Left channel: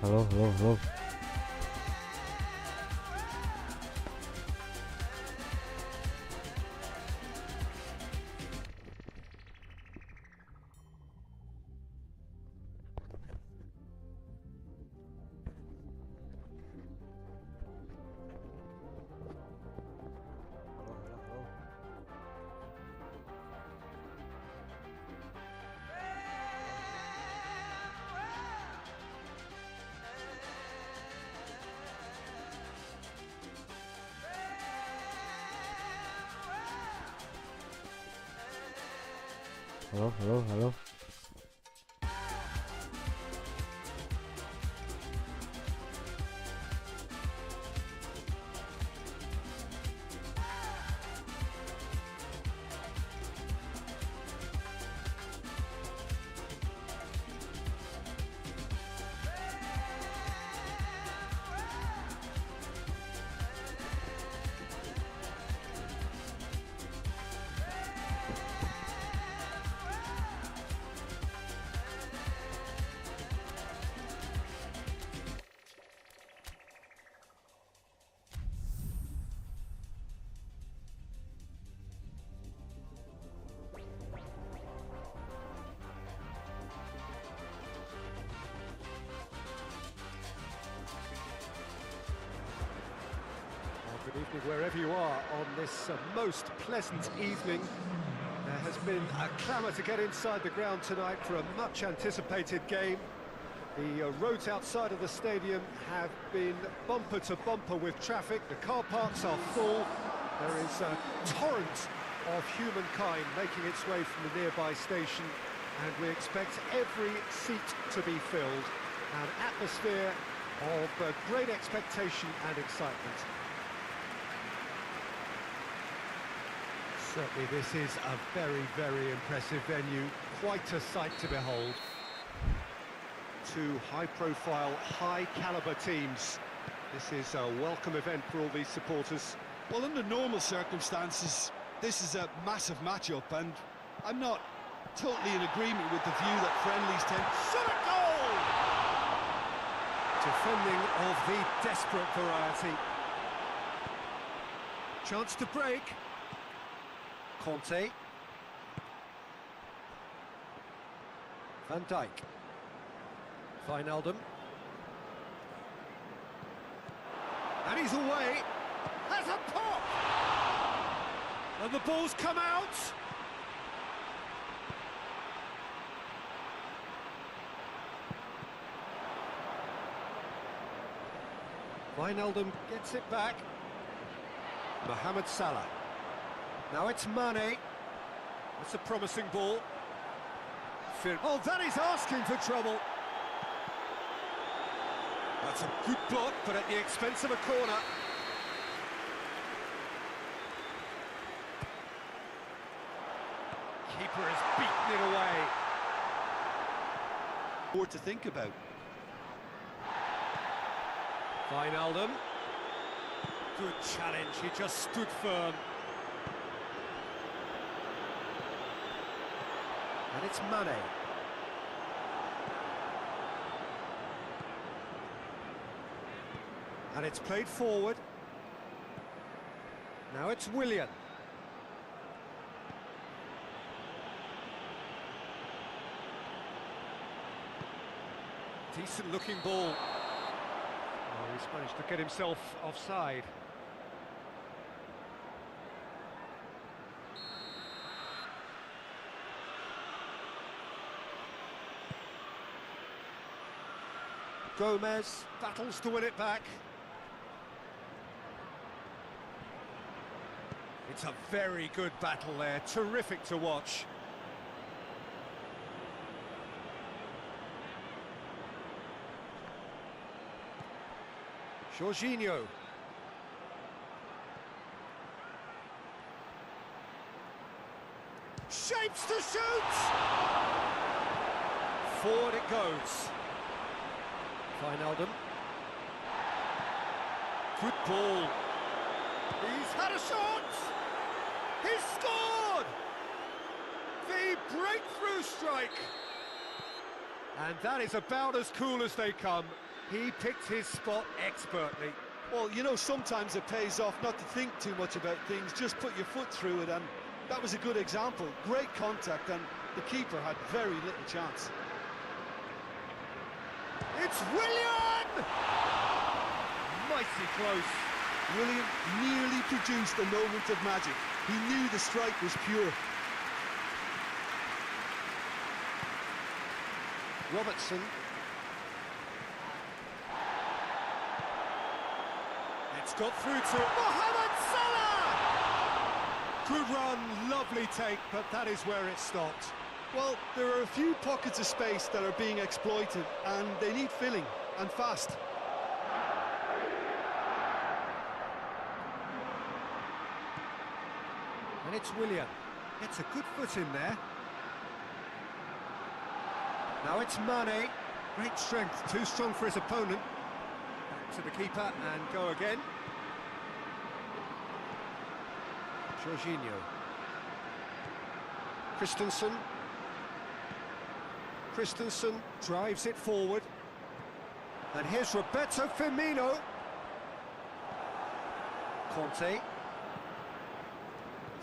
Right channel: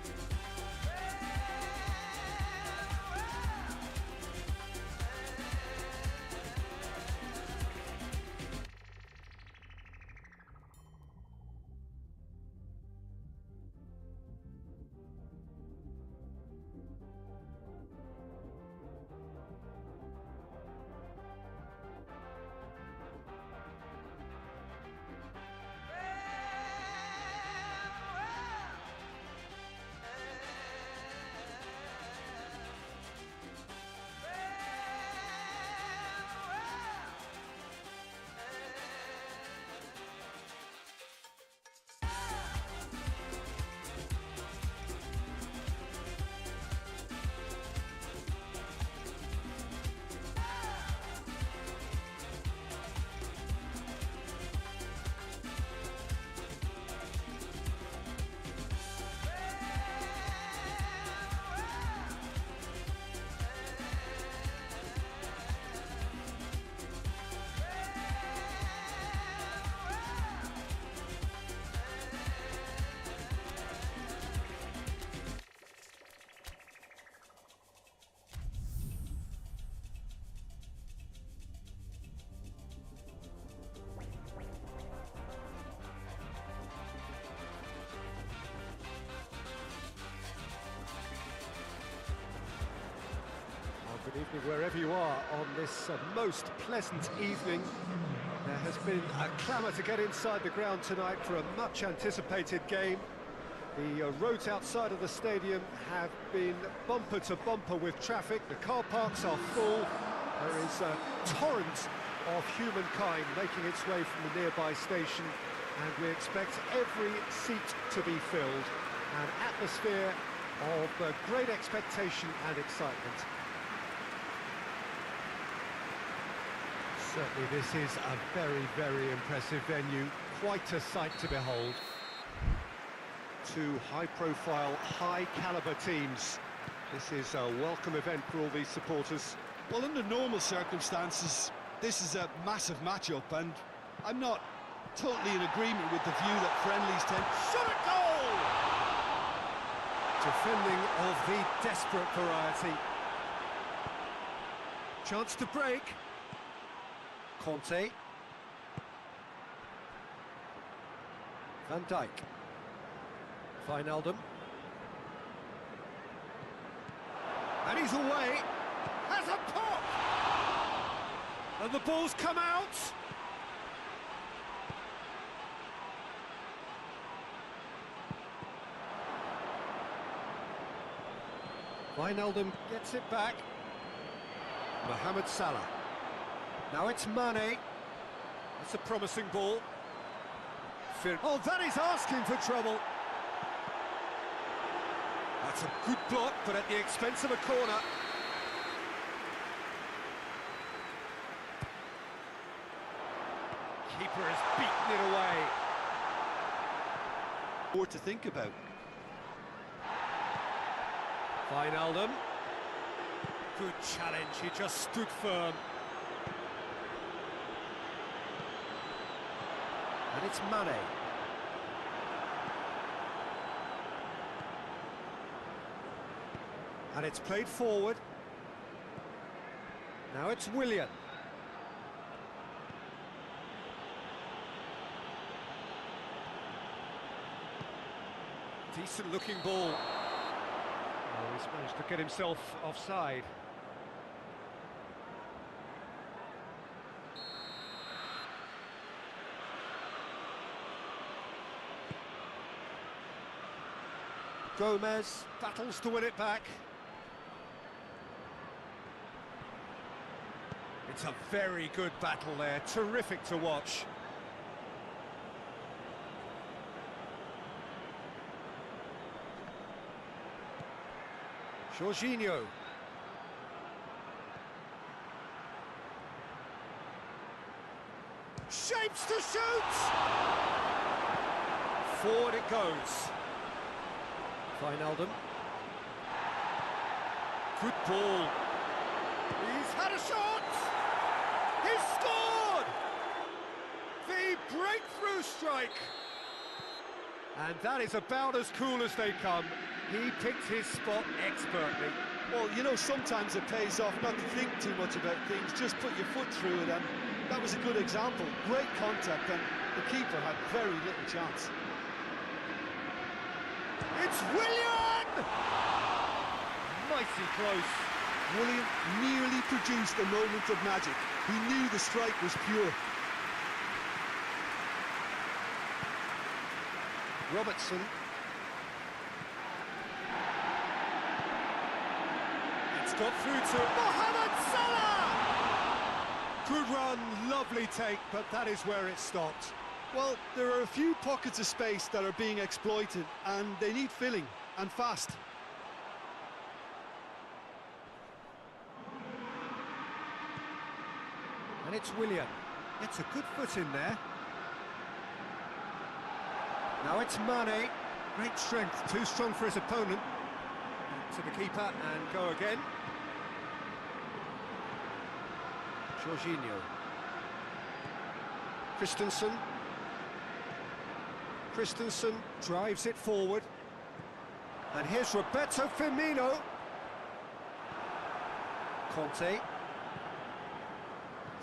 Hello, hello, hello. Hello, hello, hello. Well, good evening wherever you are on this most pleasant evening. There has been a clamour to get inside the ground tonight for a much anticipated game. The roads outside of the stadium have been bumper to bumper with traffic. The car parks are full. There is a torrent of humankind making its way from the nearby station, and we expect every seat to be filled. An atmosphere of great expectation and excitement. Certainly this is a very, very impressive venue, quite a sight to behold. Two high-profile, high-caliber teams. This is a welcome event for all these supporters. Well, under normal circumstances, this is a massive match-up, and I'm not totally in agreement with the view that friendlies tend... Shot a goal! Defending of the desperate variety. Chance to break. Conte. Van Dijk. Wijnaldum. And he's away. Has a pop! And the ball's come out. Wijnaldum gets it back. Mohamed Salah. Now it's Mane. That's a promising ball. Oh, that is asking for trouble. That's a good block, but at the expense of a corner. Keeper has beaten it away. More to think about. Wijnaldum. Good challenge, he just stood firm. And it's Mane. And it's played forward. Now it's Willian. Decent looking ball. Oh, he's managed to get himself offside. Gomez battles to win it back. It's a very good battle there, terrific to watch. Jorginho. Shapes to shoot! Forward it goes. Wijnaldum. Good ball. He's had a shot! He's scored! The breakthrough strike! And that is about as cool as they come. He picked his spot expertly. Well, you know, sometimes it pays off not to think too much about things, just put your foot through it, and that was a good example. Great contact, and the keeper had very little chance. It's Willian! Mighty close. Willian nearly produced a moment of magic. He knew the strike was pure. Robertson. It's got through to Mohamed Salah! Good run, lovely take, but that is where it stopped. Well, there are a few pockets of space that are being exploited, and they need filling, and fast. And it's Willian. Gets a good foot in there. Now it's Mane. Great strength, too strong for his opponent. Back to the keeper and go again. Jorginho. Christensen drives it forward. And here's Roberto Firmino. Conte.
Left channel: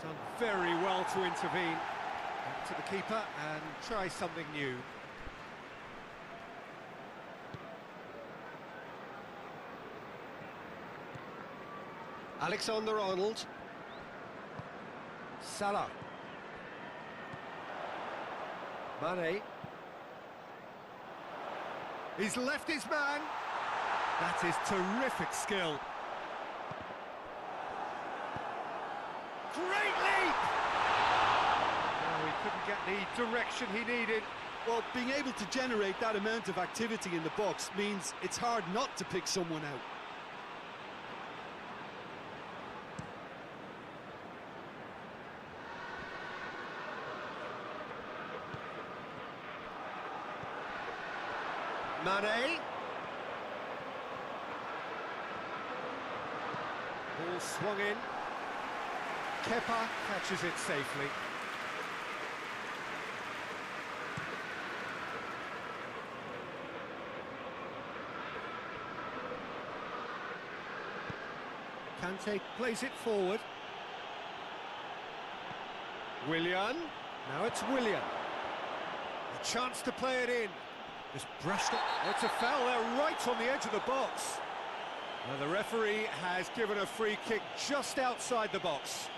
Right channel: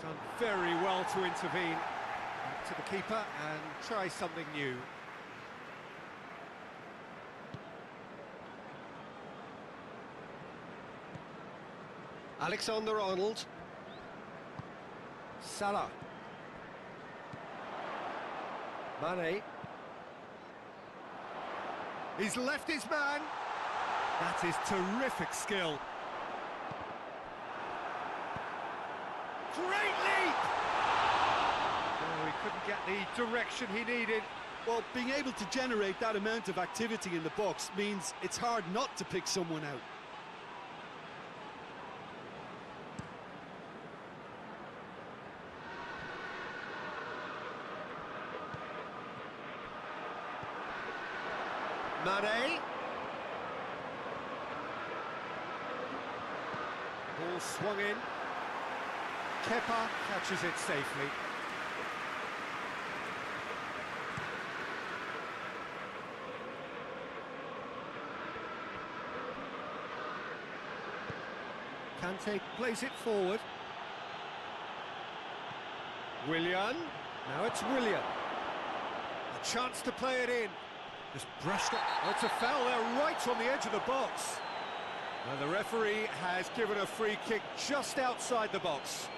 Done very well to intervene. Back to the keeper and try something new. Alexander-Arnold. Salah. Mane. He's left his man. That is terrific skill. Great leap! No, he couldn't get the direction he needed. Well, being able to generate that amount of activity in the box means it's hard not to pick someone out. Mane. Ball swung in. Kepa catches it safely. Kante plays it forward. Willian. Now it's Willian. A chance to play it in. Just brushed it. Oh, it's a foul there right on the edge of the box. Well, the referee has given a free kick just outside the box.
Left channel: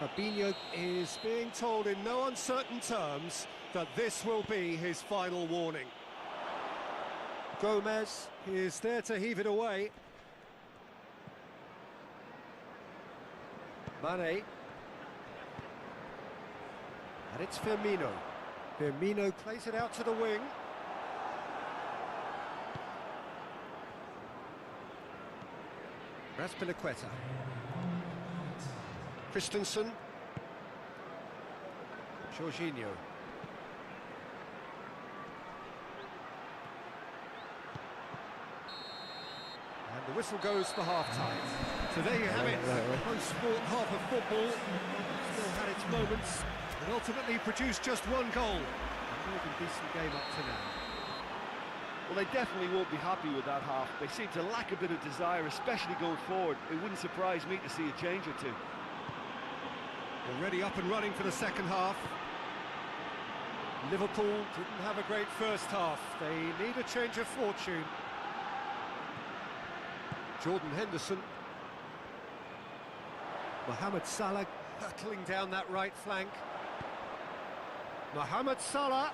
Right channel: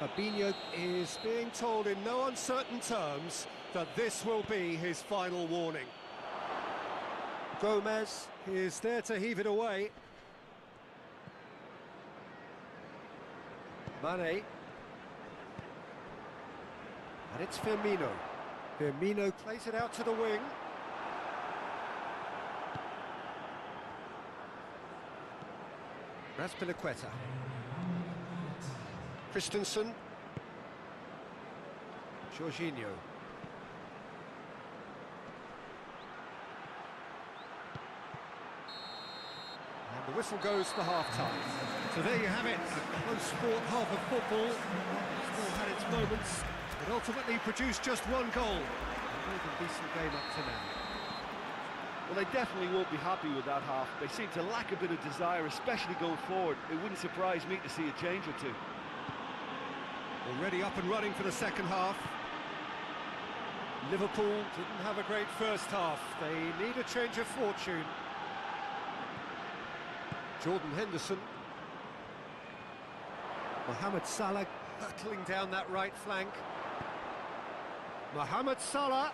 Fabinho is being told in no uncertain terms that this will be his final warning. Gomez is there to heave it away. Mane. And it's Firmino. Firmino plays it out to the wing. Raspilicueta. Christensen. Jorginho. And the whistle goes for half-time. So there you have it, a close-fought half of football. Still had its moments, but ultimately produced just one goal. A more than decent game up to now. Well, they definitely won't be happy with that half. They seem to lack a bit of desire, especially going forward. It wouldn't surprise me to see a change or two. Already up and running for the second half. Liverpool didn't have a great first half. They need a change of fortune. Jordan Henderson. Mohamed Salah hurtling down that right flank. Mohamed Salah.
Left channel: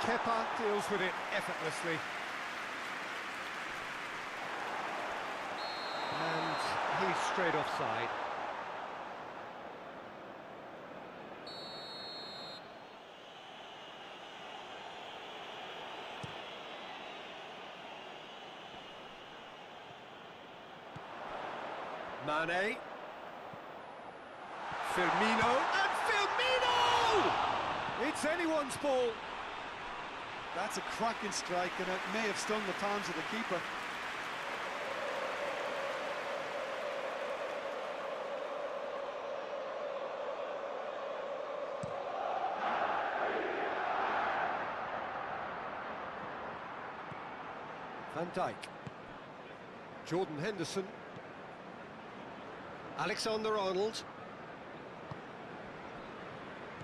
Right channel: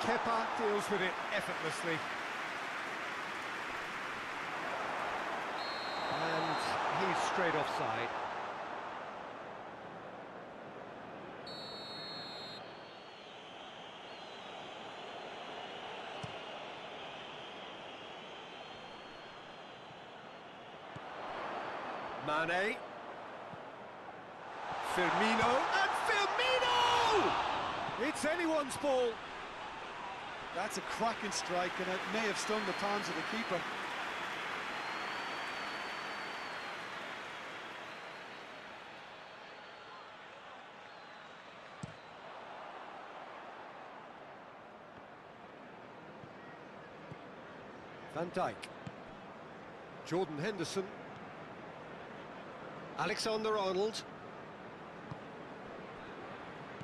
Kepa deals with it effortlessly. And he's straight offside. Mane. Firmino. And Firmino! It's anyone's ball. That's a cracking strike, and it may have stung the palms of the keeper. Van Dijk. Jordan Henderson. Alexander-Arnold.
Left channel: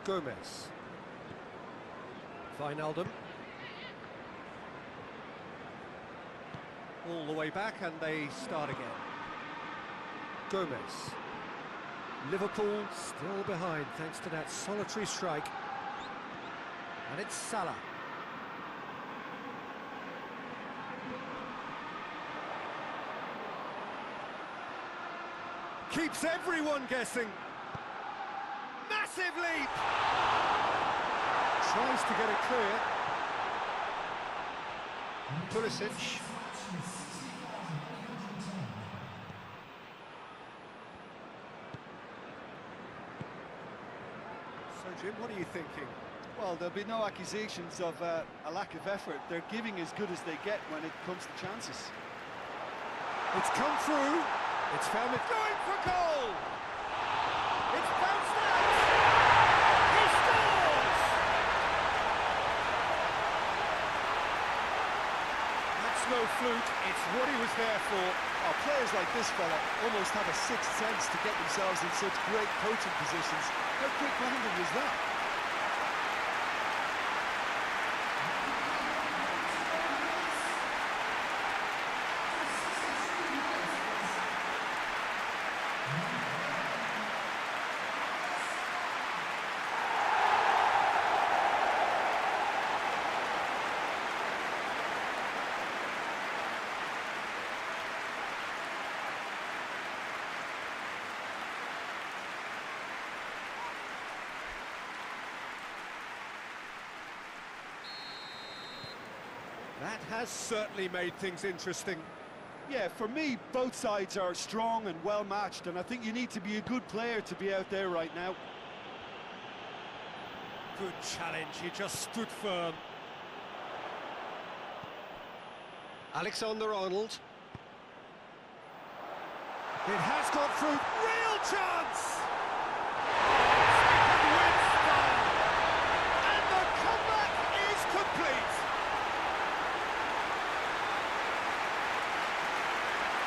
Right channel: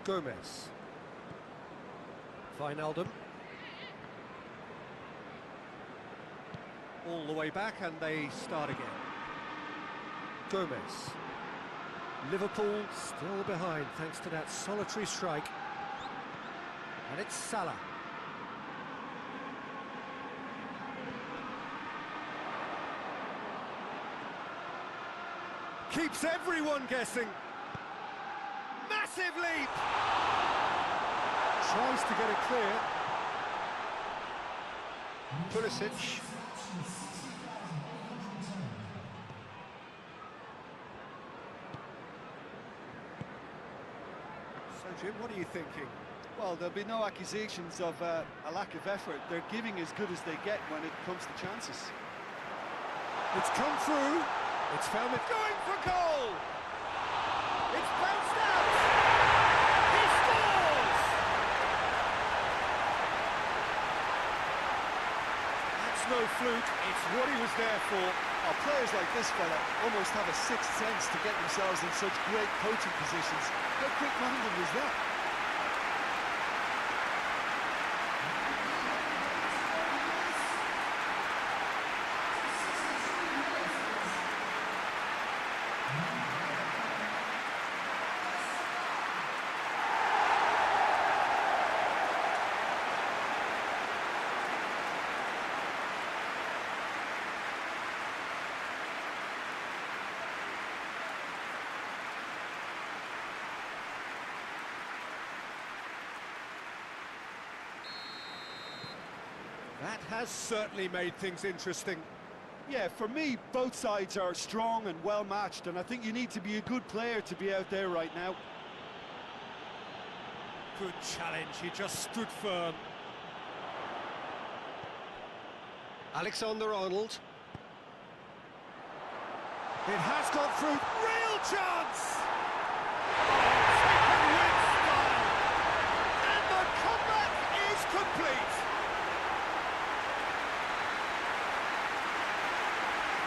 Gomez. Wijnaldum. All the way back and they start again. Gomez. Liverpool still behind thanks to that solitary strike. And it's Salah. Keeps everyone guessing. Massive leap! Tries to get it clear. Pulisic. So, Jim, what are you thinking? Well, there'll be no accusations of a lack of effort. They're giving as good as they get when it comes to chances. It's come through. It's found it. Going for goal! It's bounced out! He scores! That's no fluke. It's what he was there for. Oh, players like this fella almost have a sixth sense to get themselves in such great coaching positions. How quick-minded was that? That has certainly made things interesting. Yeah, for me, both sides are strong and well-matched, and I think you need to be a good player to be out there right now. Good challenge, he just stood firm. Alexander-Arnold. It has gone through. Real chance! Taken with style. And the comeback is complete.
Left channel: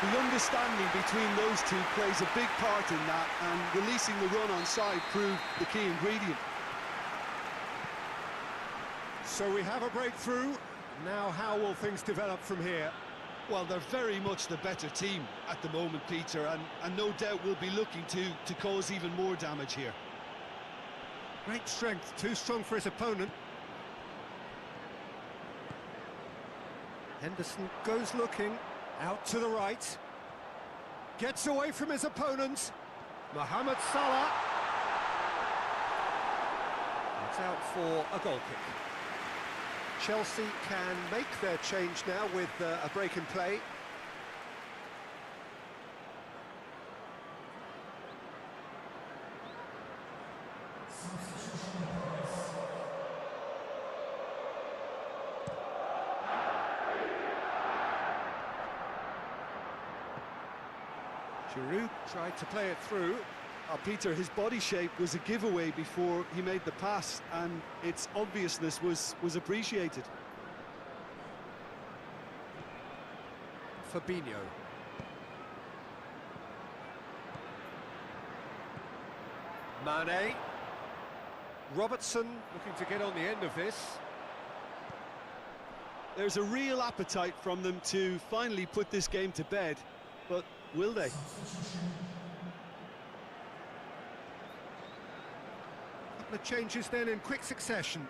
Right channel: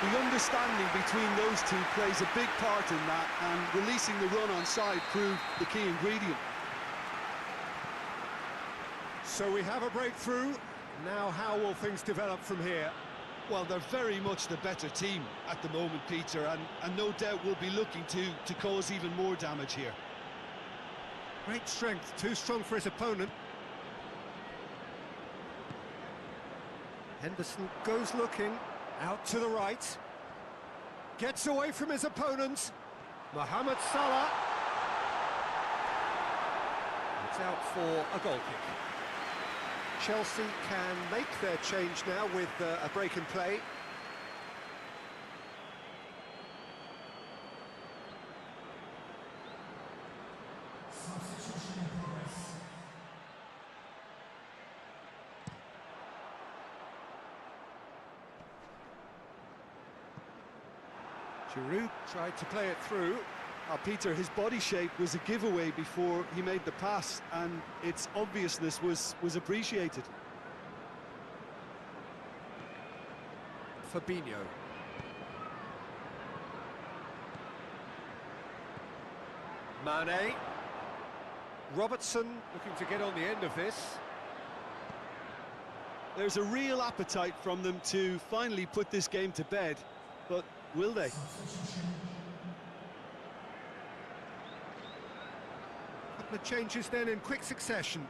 The understanding between those two plays a big part in that, and releasing the run on side proved the key ingredient. So we have a breakthrough. Now how will things develop from here? Well, they're very much the better team at the moment, Peter, and no doubt will be looking to cause even more damage here. Great strength, too strong for his opponent. Henderson goes looking, out to the right. Gets away from his opponent. Mohamed Salah. It's out for a goal kick. Chelsea can make their change now with a break in play. Giroud tried to play it through. Peter, his body shape was a giveaway before he made the pass, and its obviousness was appreciated. Fabinho. Mane. Robertson looking to get on the end of this. There's a real appetite from them to finally put this game to bed, but will they? Couple of changes then in quick succession.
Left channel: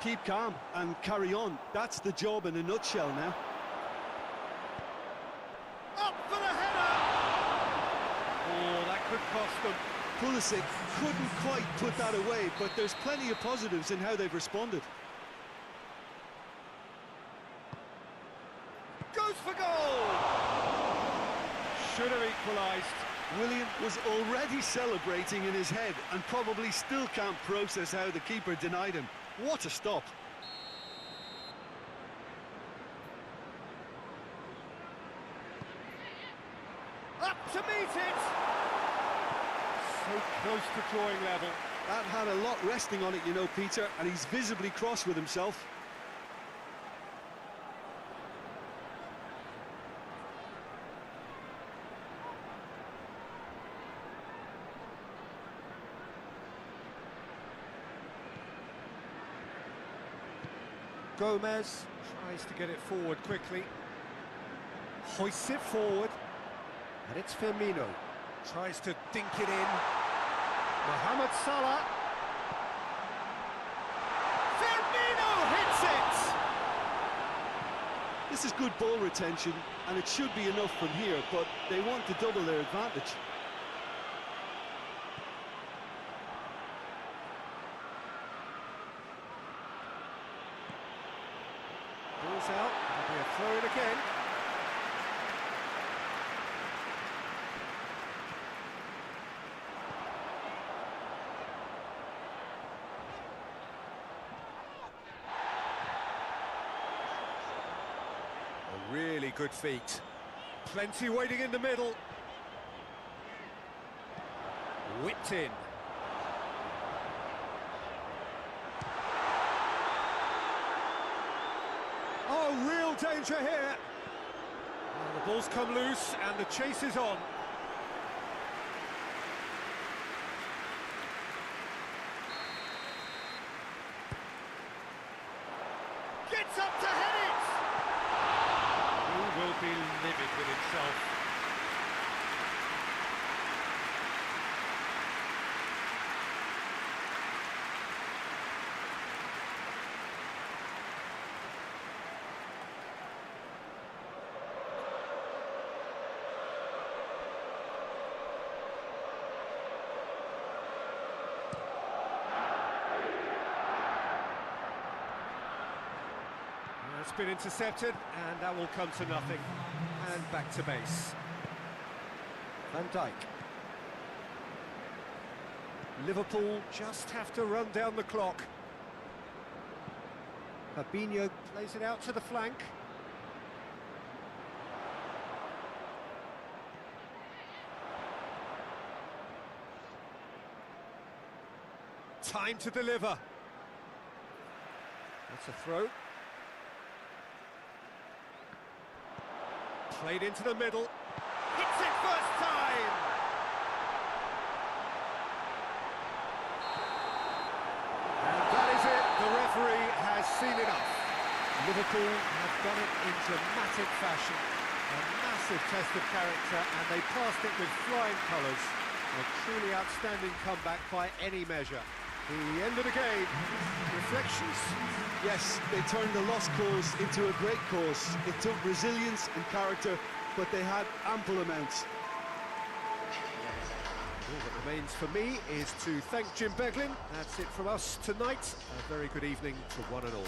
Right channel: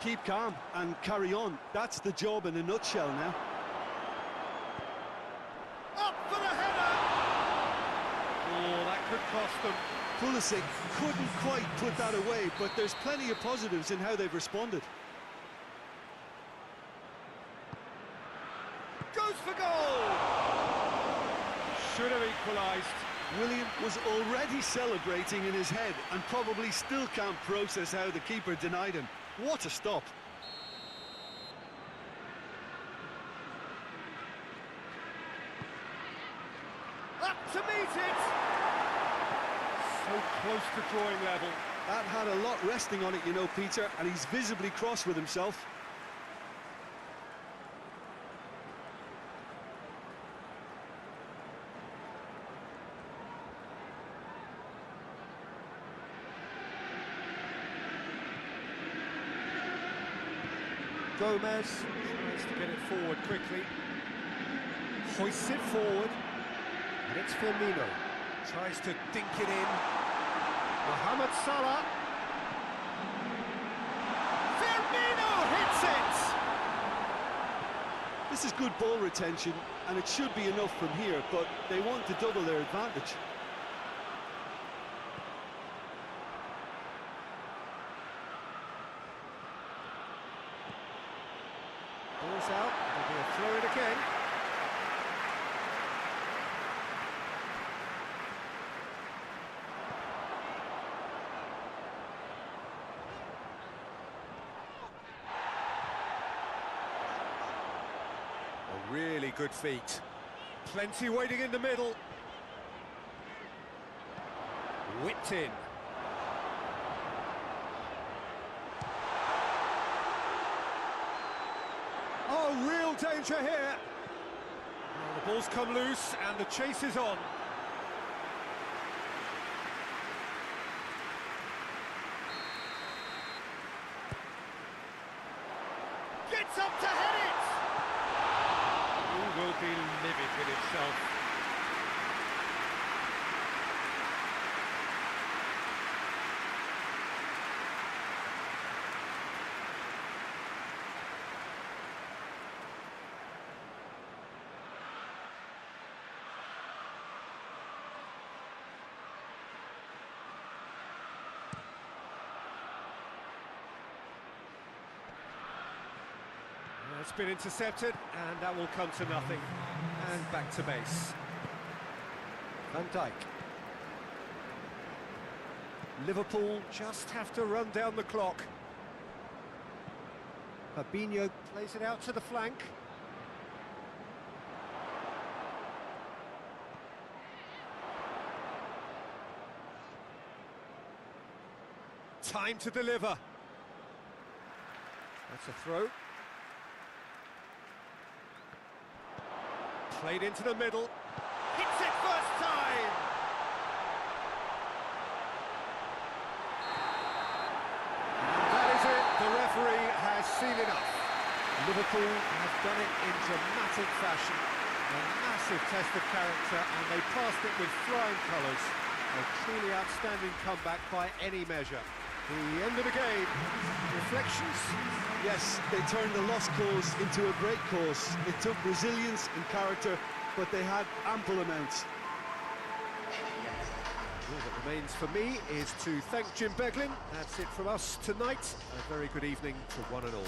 Keep calm and carry on. That's the job in a nutshell now. Up for the header! Oh, that could cost them. Pulisic couldn't quite put that away, but there's plenty of positives in how they've responded. Goes for goal! Should have equalised. Willian was already celebrating in his head and probably still can't process how the keeper denied him. What a stop. Up to meet it! So close to drawing level. That had a lot resting on it, you know, Peter, and he's visibly cross with himself. Gomez tries to get it forward quickly. Hoists it forward. And it's Firmino. Tries to dink it in. Mohamed Salah. Firmino hits it! This is good ball retention, and it should be enough from here, but they want to double their advantage. Ball's out, it'll be a throw-in again. A really good feat. Plenty waiting in the middle. Whipped in. Oh, real danger here. Well, the ball's come loose and the chase is on. Gets up to head it! He will be livid with himself. It's been intercepted, and that will come to nothing. And back to base. Van Dijk. Liverpool just have to run down the clock. Fabinho plays it out to the flank. Time to deliver. That's a throw. Played into the middle. Hits it first time! And that is it. The referee has seen enough. Liverpool have done it in dramatic fashion. A massive test of character, and they passed it with flying colours. A truly outstanding comeback by any measure. The end of the game. Reflections? Yes, they turned the lost cause into a great cause. It took resilience and character, but they had ample amounts. All that remains for me is to thank Jim Beglin. That's it from us tonight. A very good evening to one and all.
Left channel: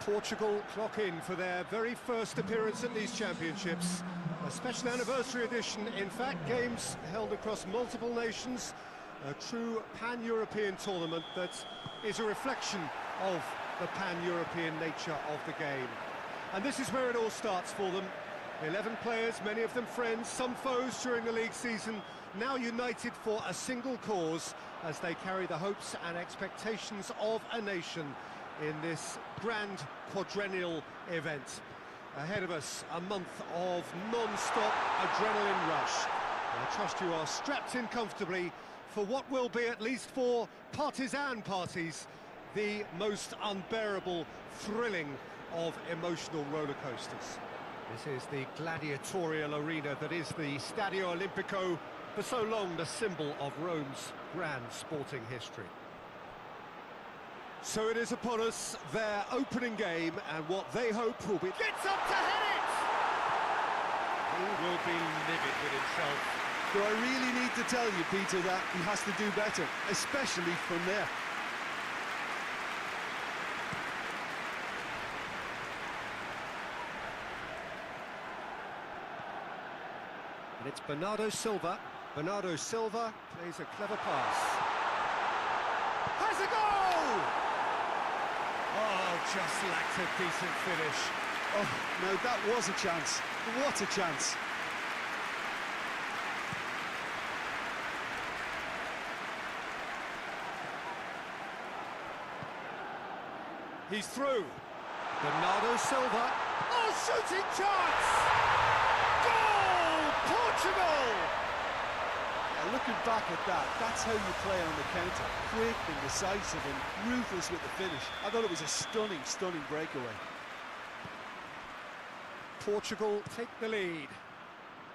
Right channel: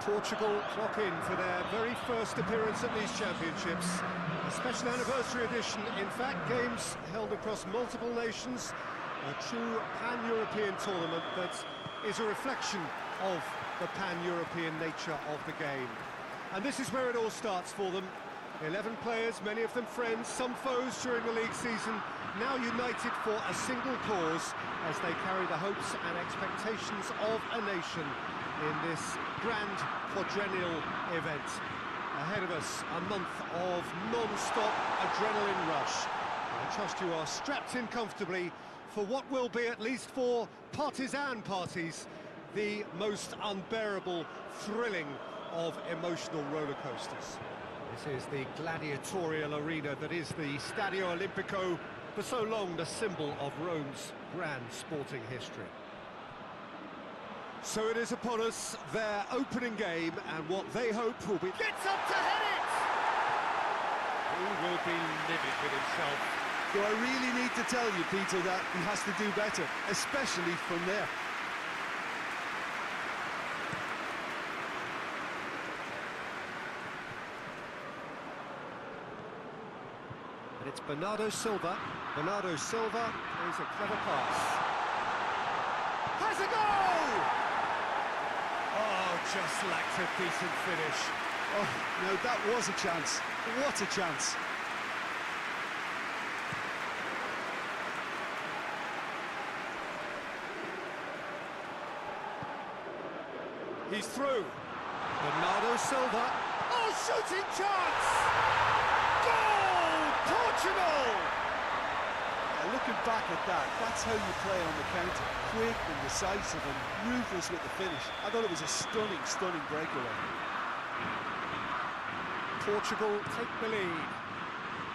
Portugal clock in for their very first appearance at these championships. A special anniversary edition, in fact, games held across multiple nations. A true pan-European tournament that is a reflection of the pan-European nature of the game. And this is where it all starts for them. 11 players, many of them friends, some foes during the league season, now united for a single cause as they carry the hopes and expectations of a nation in this grand quadrennial event. Ahead of us, a month of non-stop adrenaline rush. I trust you are strapped in comfortably for what will be, at least for partisan parties, the most unbearable, thrilling of emotional roller coasters. This is the gladiatorial arena that is the Stadio Olimpico, for so long the symbol of Rome's grand sporting history. So it is upon us, their opening game, and what they hope will be... Gets up to head it! He will be livid with himself. Do I really need to tell you, Peter, that he has to do better, especially from there? And it's Bernardo Silva. Bernardo Silva plays a clever pass. Has a goal! Oh, just lacked a decent finish. Oh, no, that was a chance. What a chance. He's through. Bernardo Silva. Oh, shooting chance! Goal! Portugal! Yeah, looking back at that, that's how you play on the counter. Quick and decisive and ruthless with the finish. I thought it was a stunning, stunning breakaway. Portugal take the lead.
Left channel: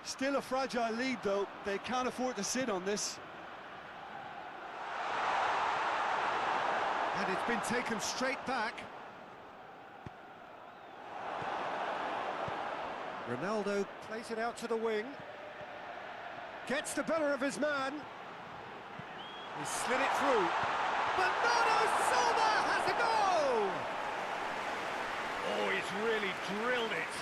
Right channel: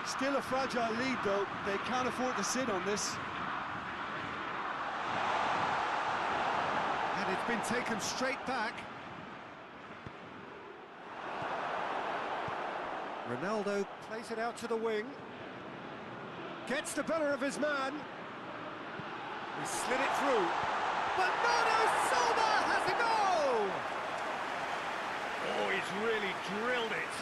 Still a fragile lead, though. They can't afford to sit on this. And it's been taken straight back. Ronaldo plays it out to the wing. Gets the better of his man. He slid it through. Bernardo Silva has a goal! Oh, he's really drilled it.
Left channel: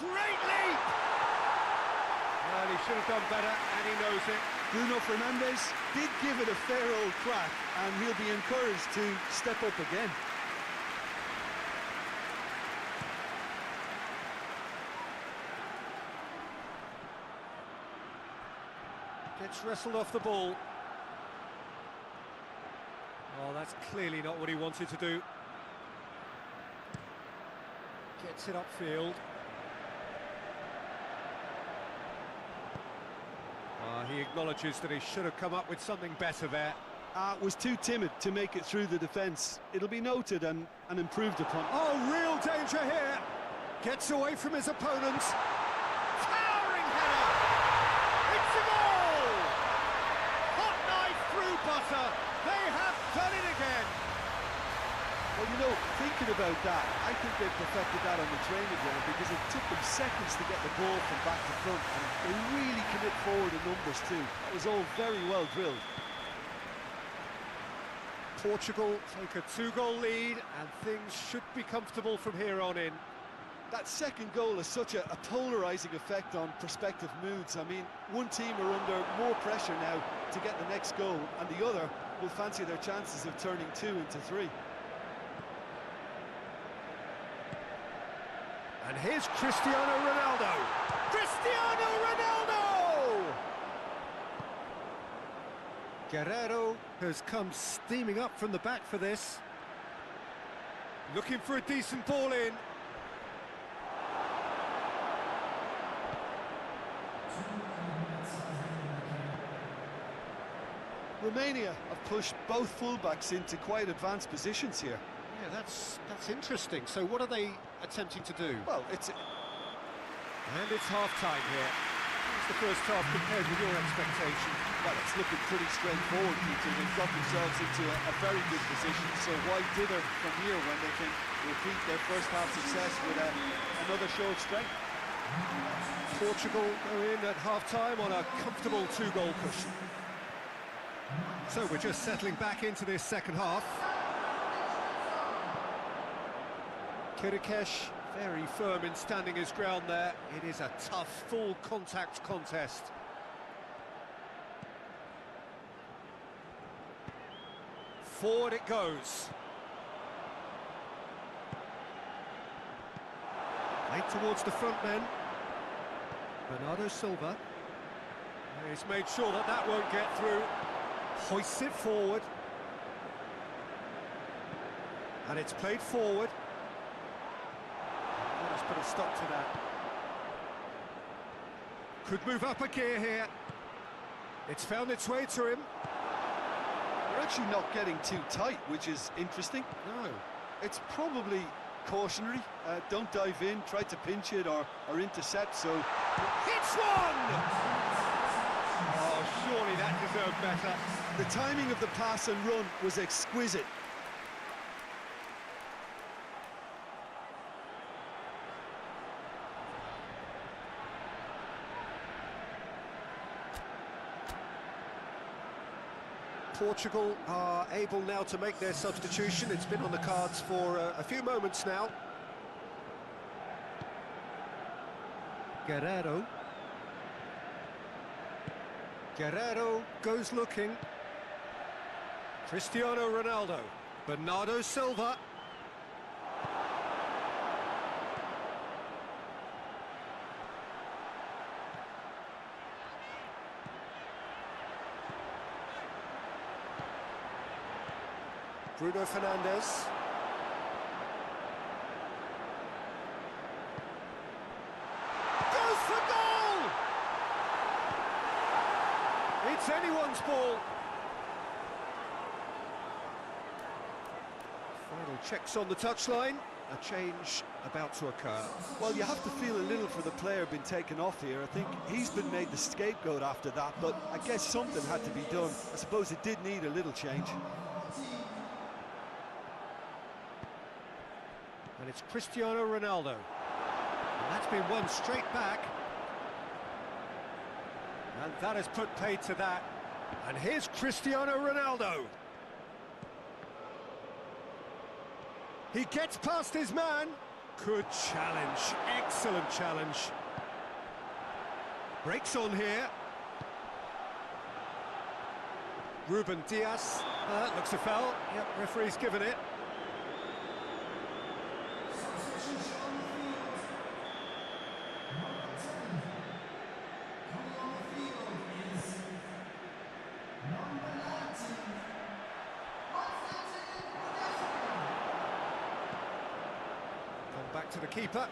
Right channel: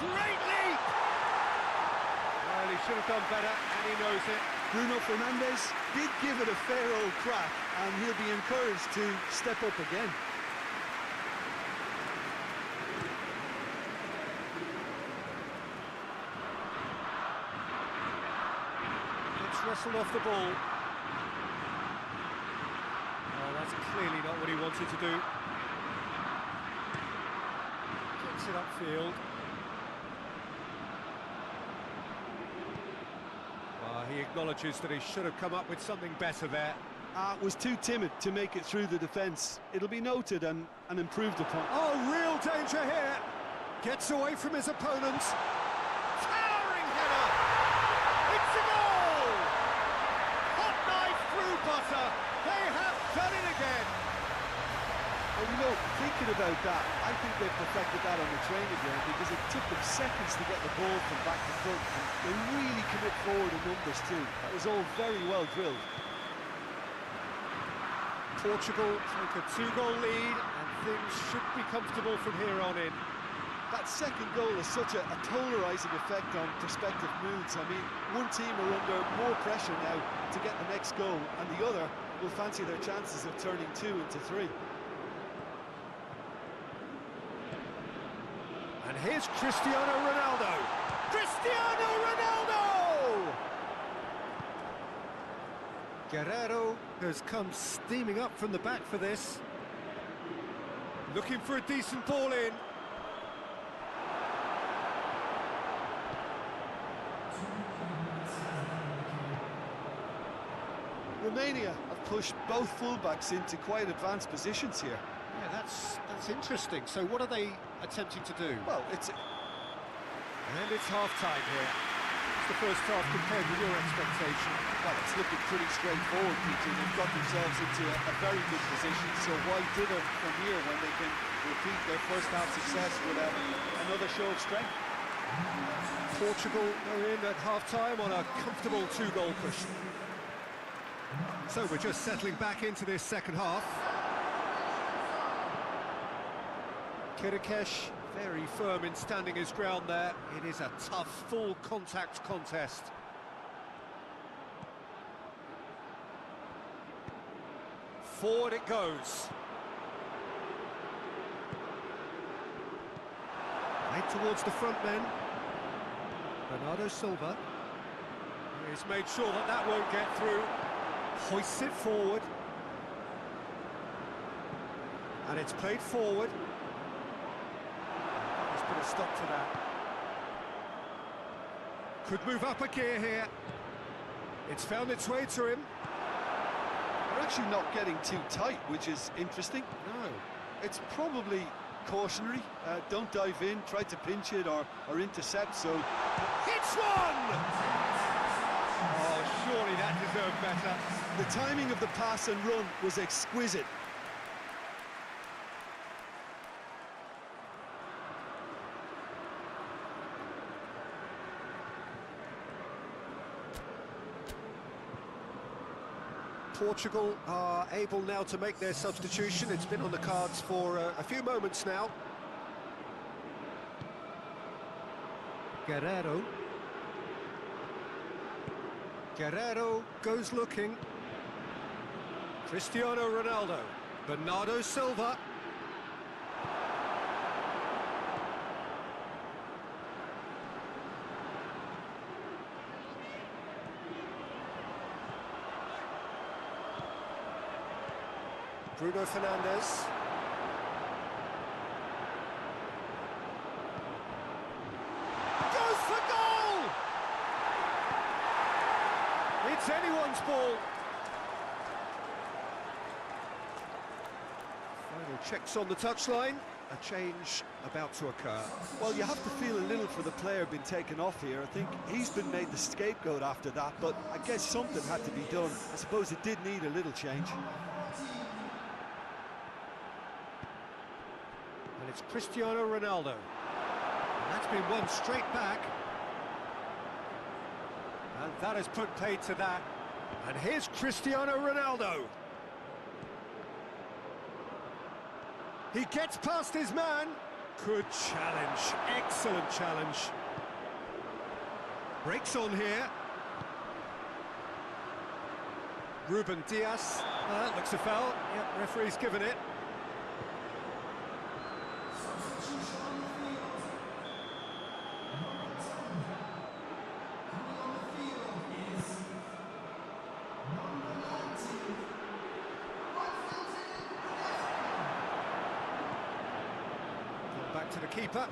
Great leap! Well, he should have done better, and he knows it. Bruno Fernandes did give it a fair old crack, and he'll be encouraged to step up again. Gets wrestled off the ball. Oh, that's clearly not what he wanted to do. Gets it upfield. He acknowledges that he should have come up with something better there. Was too timid to make it through the defence. It'll be noted and improved upon. Oh, real danger here. Gets away from his opponent. Towering header. It's a goal. Hot knife through butter. They have done it again. Well, you know, thinking about that, I think they've perfected that on the training ground because it took them seconds to get the ball from back to front, and they really commit forward in numbers too. That was all very well drilled. Portugal take a 2-goal lead, and things should be comfortable from here on in. That second goal has such a polarising effect on prospective moods. I mean, one team are under more pressure now to get the next goal, and the other will fancy their chances of turning 2 into 3. And here's Cristiano Ronaldo. Cristiano Ronaldo! Guerrero has come steaming up from the back for this. Looking for a decent ball in. Romania have pushed both fullbacks into quite advanced positions here. Yeah, that's interesting. So what are they attempting to do? Well, it's... And it's half-time here. It's the first half compared with your expectation. Well, it's looking pretty straightforward, Peter. They've got themselves into a very good position, so why dither from here when they can repeat their first half success with another show of strength? Portugal go in at half-time on a comfortable 2-goal cushion. So we're just settling back into this second half. Kirikesh very firm in standing his ground there. It is a tough, full contact contest. Forward it goes. Played towards the front men. Bernardo Silva. He's made sure that that won't get through. Hoists it forward. And it's played forward. Let's put a stop to that. Could move up a gear here. It's found its way to him. They're actually not getting too tight, which is interesting. No. It's probably cautionary. Don't dive in, try to pinch it or intercept, so... Hits one! Oh, surely that deserved better. The timing of the pass and run was exquisite. Portugal are able now to make their substitution. It's been on the cards for a few moments now. Guerrero. Guerrero goes looking. Cristiano Ronaldo. Bernardo Silva. Bruno Fernandes. Goes for goal! It's anyone's ball. Final checks on the touchline. A change about to occur. Well, you have to feel a little for the player being taken off here. I think he's been made the scapegoat after that, but I guess something had to be done. I suppose it did need a little change. And it's Cristiano Ronaldo. And that's been won straight back. And that has put paid to that. And here's Cristiano Ronaldo. He gets past his man. Good challenge, excellent challenge. Breaks on here. Ruben Diaz. Looks a foul. Yep, referee's given it. Back to the keeper.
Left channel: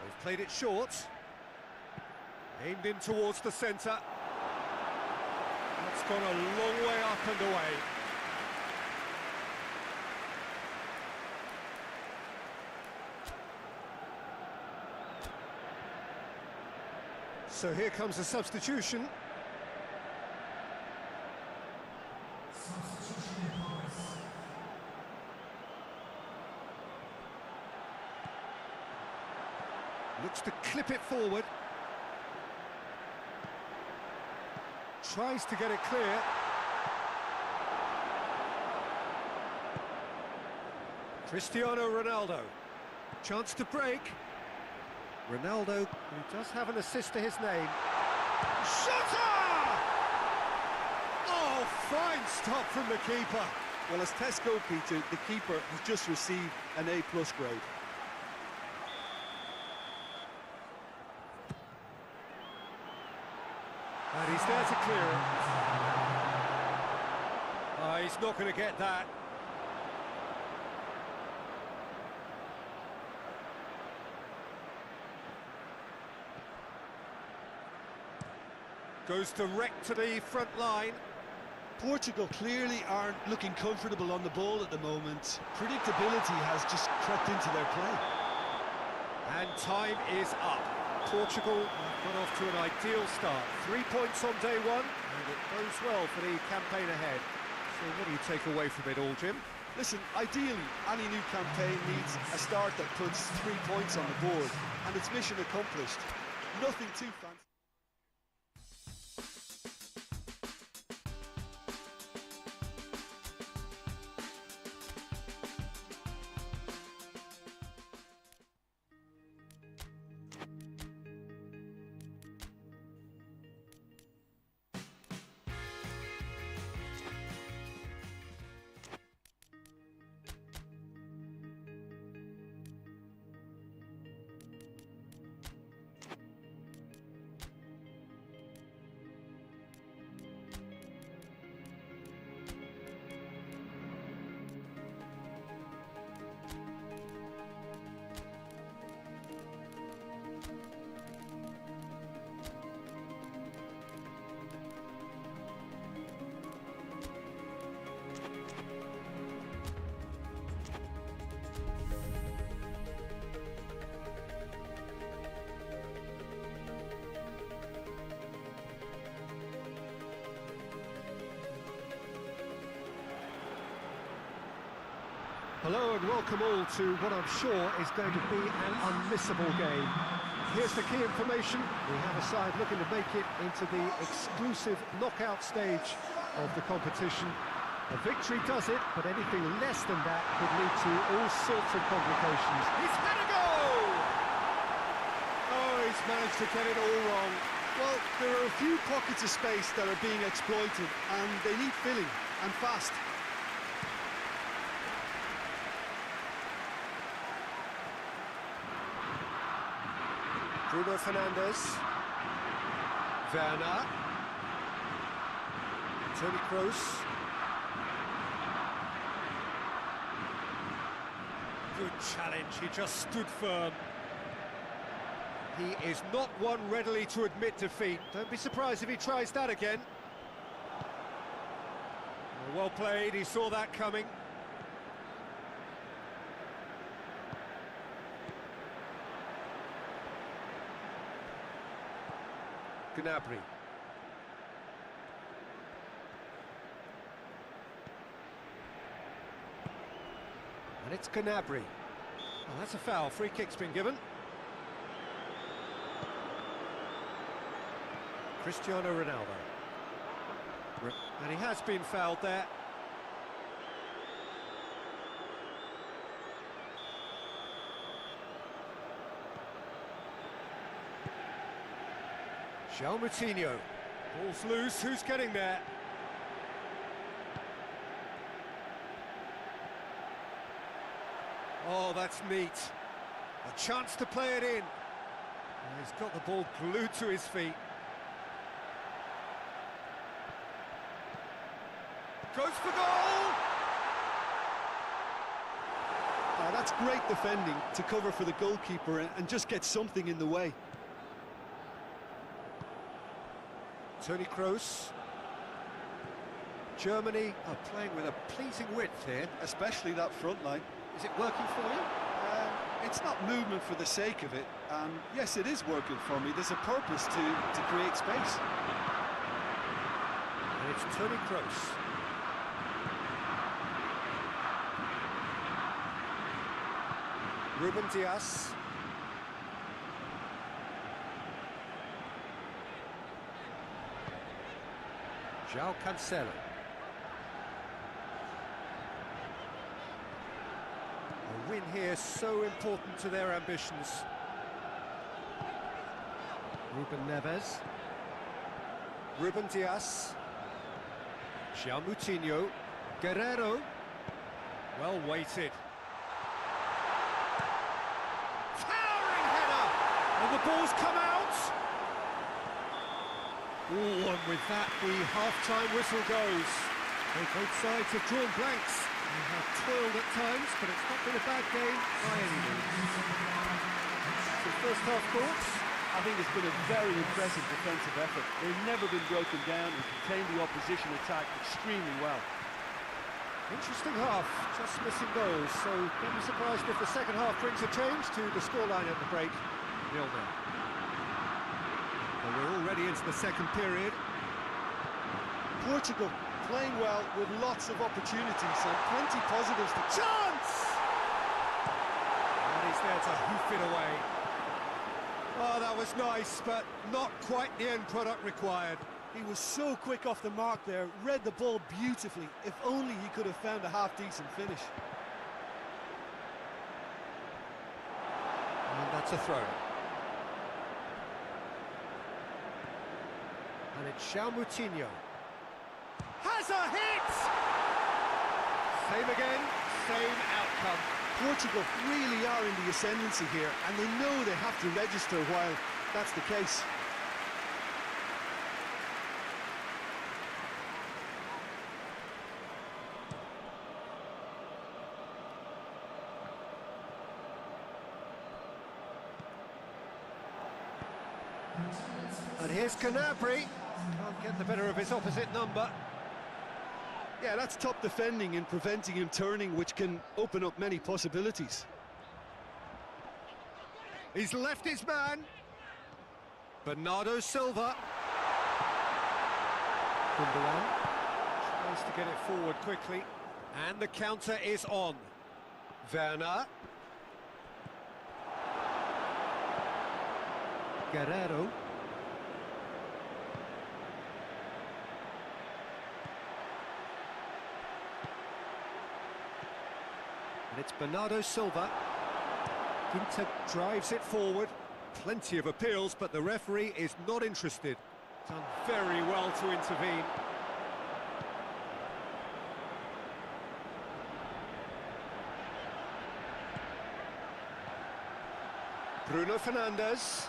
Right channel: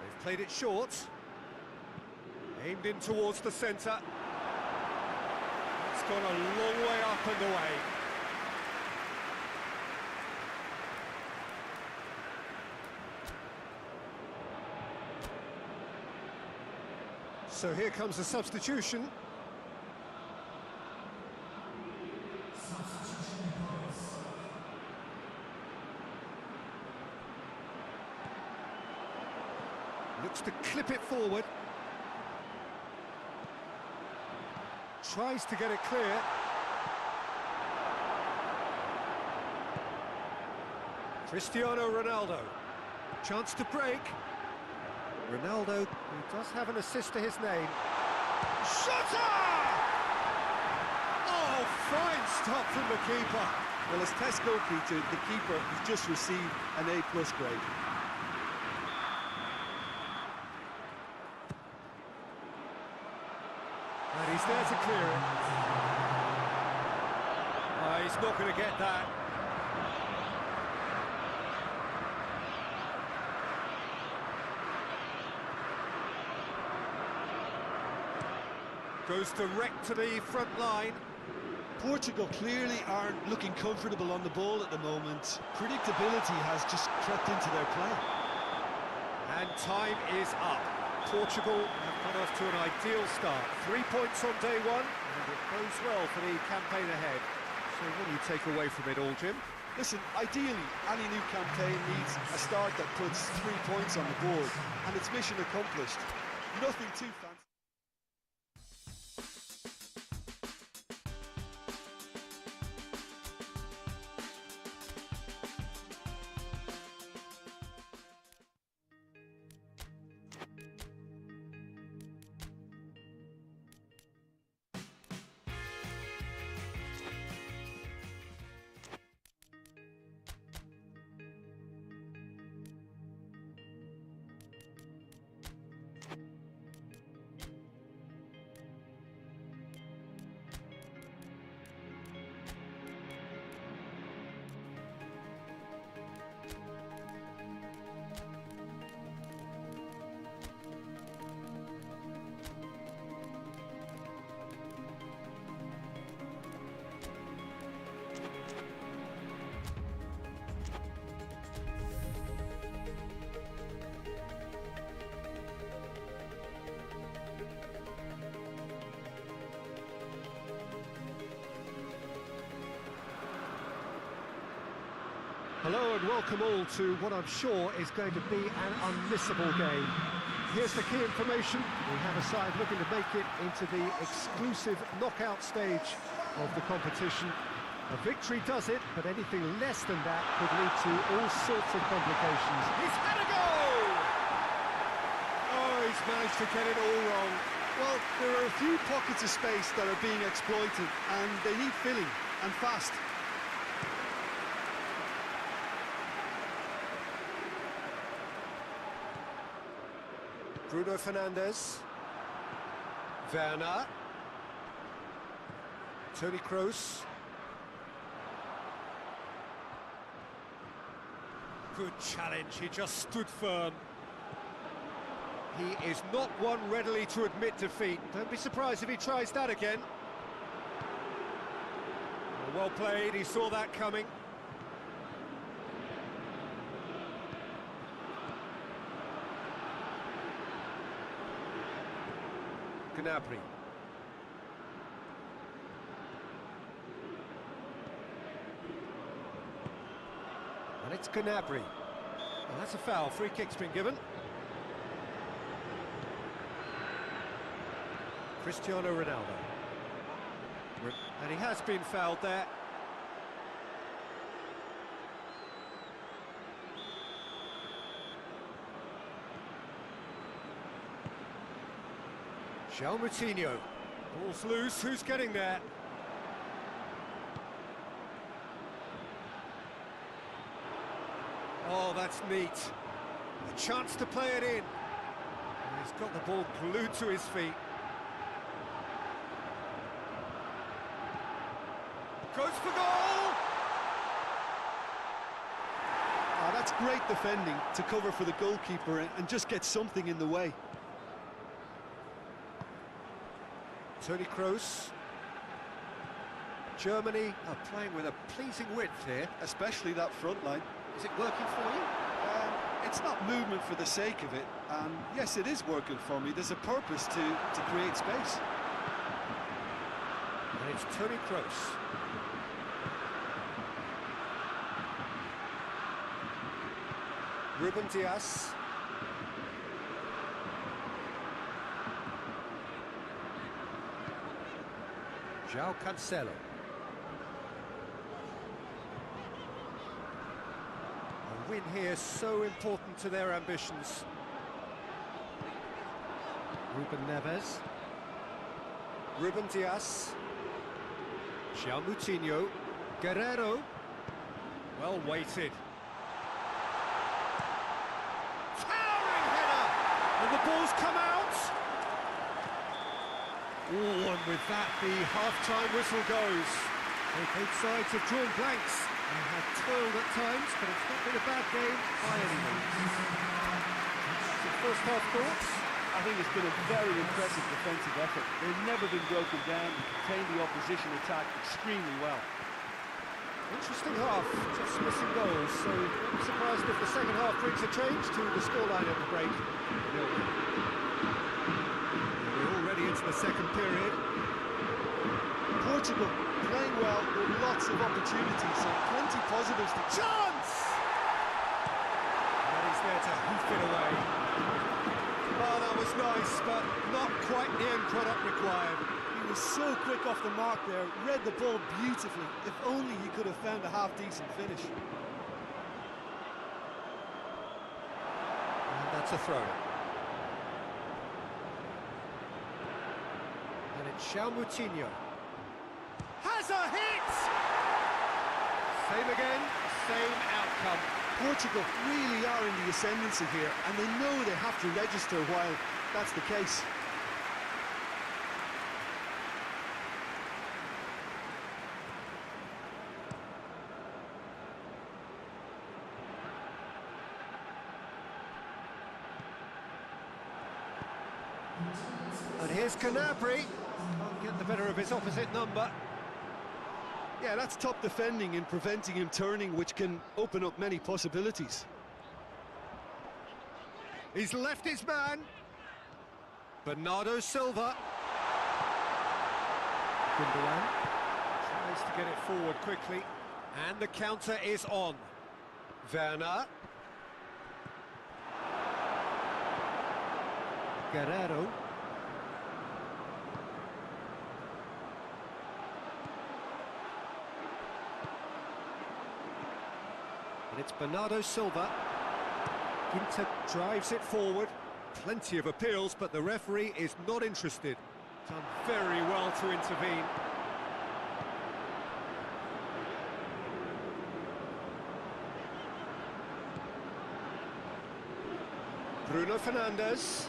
They've played it short. Aimed in towards the centre. That's gone a long way up and away. So here comes a substitution. Looks to clip it forward. Tries to get it clear. Cristiano Ronaldo. Chance to break. Ronaldo, who does have an assist to his name. Shutter! Oh, fine stop from the keeper. Well, as Tesco, Peter, the keeper has just received an A+ grade. And he's there to clear it. He's not going to get that. Goes direct to the front line. Portugal clearly aren't looking comfortable on the ball at the moment. Predictability has just crept into their play. And time is up. Portugal have got off to an ideal start. 3 points on day one, and it bodes well for the campaign ahead. So what do you take away from it all, Jim? Listen, ideally, any new campaign needs a start that puts 3 points on the board, and it's mission accomplished. Nothing too fancy. Hello and welcome all to what I'm sure is going to be an unmissable game. Here's the key information. We have a side looking to make it into the exclusive knockout stage of the competition. A victory does it, but anything less than that could lead to all sorts of complications. He's had a go! Oh, he's managed to get it all wrong. Well, there are a few pockets of space that are being exploited, and they need filling, and fast. Bruno Fernandes. Werner. Toni Kroos. Good challenge, he just stood firm. He is not one readily to admit defeat. Don't be surprised if he tries that again. Well played, he saw that coming. Gnabry. And it's Gnabry. Oh, that's a foul. Free kick's been given. Cristiano Ronaldo. And he has been fouled there. João Moutinho. Ball's loose, who's getting there? Oh, that's neat. A chance to play it in. And he's got the ball glued to his feet. Goes for goal! Ah, that's great defending to cover for the goalkeeper and just get something in the way. Toni Kroos. Germany are playing with a pleasing width here. Especially that front line. Is it working for you? It's not movement for the sake of it, and yes, it is working for me. There's a purpose to create space. And it's Toni Kroos. Ruben Dias. João Cancelo. A win here so important to their ambitions. Ruben Neves. Ruben Dias. João Moutinho. Guerreiro. Well weighted. Towering header! And the ball's come out! Oh, and with that, the half-time whistle goes. Both sides have drawn blanks. They have toiled at times, but it's not been a bad game by any means. Some first-half thoughts? I think it's been a very impressive defensive effort. They've never been broken down and contained the opposition attack extremely well. Interesting half, just missing goals, so don't be surprised if the second half brings a change to the scoreline at the break. 0-0. We're already into the second period. Portugal playing well with lots of opportunities and plenty positives to... Chance! And he's there to hoof it away. Oh, that was nice, but not quite the end product required. He was so quick off the mark there, read the ball beautifully. If only he could have found a half-decent finish. And that's a throw. And it's João Moutinho. Has a hit! Same again, same outcome. Portugal really are in the ascendancy here, and they know they have to register while that's the case. And here's Gnabry. Can't get the better of his opposite number. Yeah, that's top defending and preventing him turning, which can open up many possibilities. He's left his man. Bernardo Silva. Gundogan tries to get it forward quickly. And the counter is on. Werner. Guerrero. And it's Bernardo Silva. Ginter drives it forward. Plenty of appeals, but the referee is not interested. Done very well to intervene. Bruno Fernandes.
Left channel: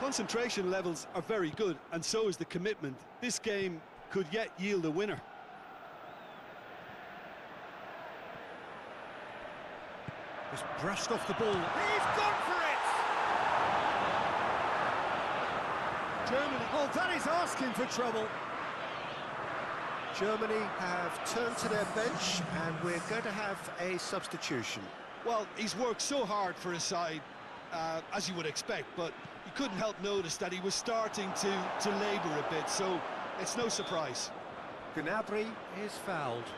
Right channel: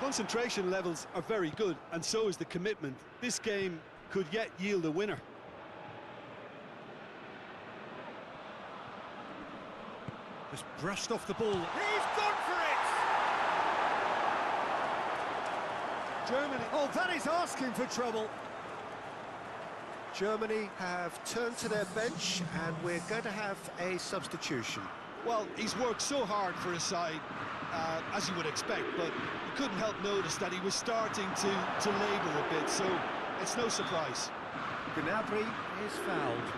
Concentration levels are very good, and so is the commitment. This game could yet yield a winner. Just brushed off the ball. He's gone for it! Germany. Oh, that is asking for trouble. Germany have turned to their bench, and we're going to have a substitution. Well, he's worked so hard for his side, as you would expect, but you couldn't help notice that he was starting to labour a bit, so it's no surprise. Gnabry is fouled.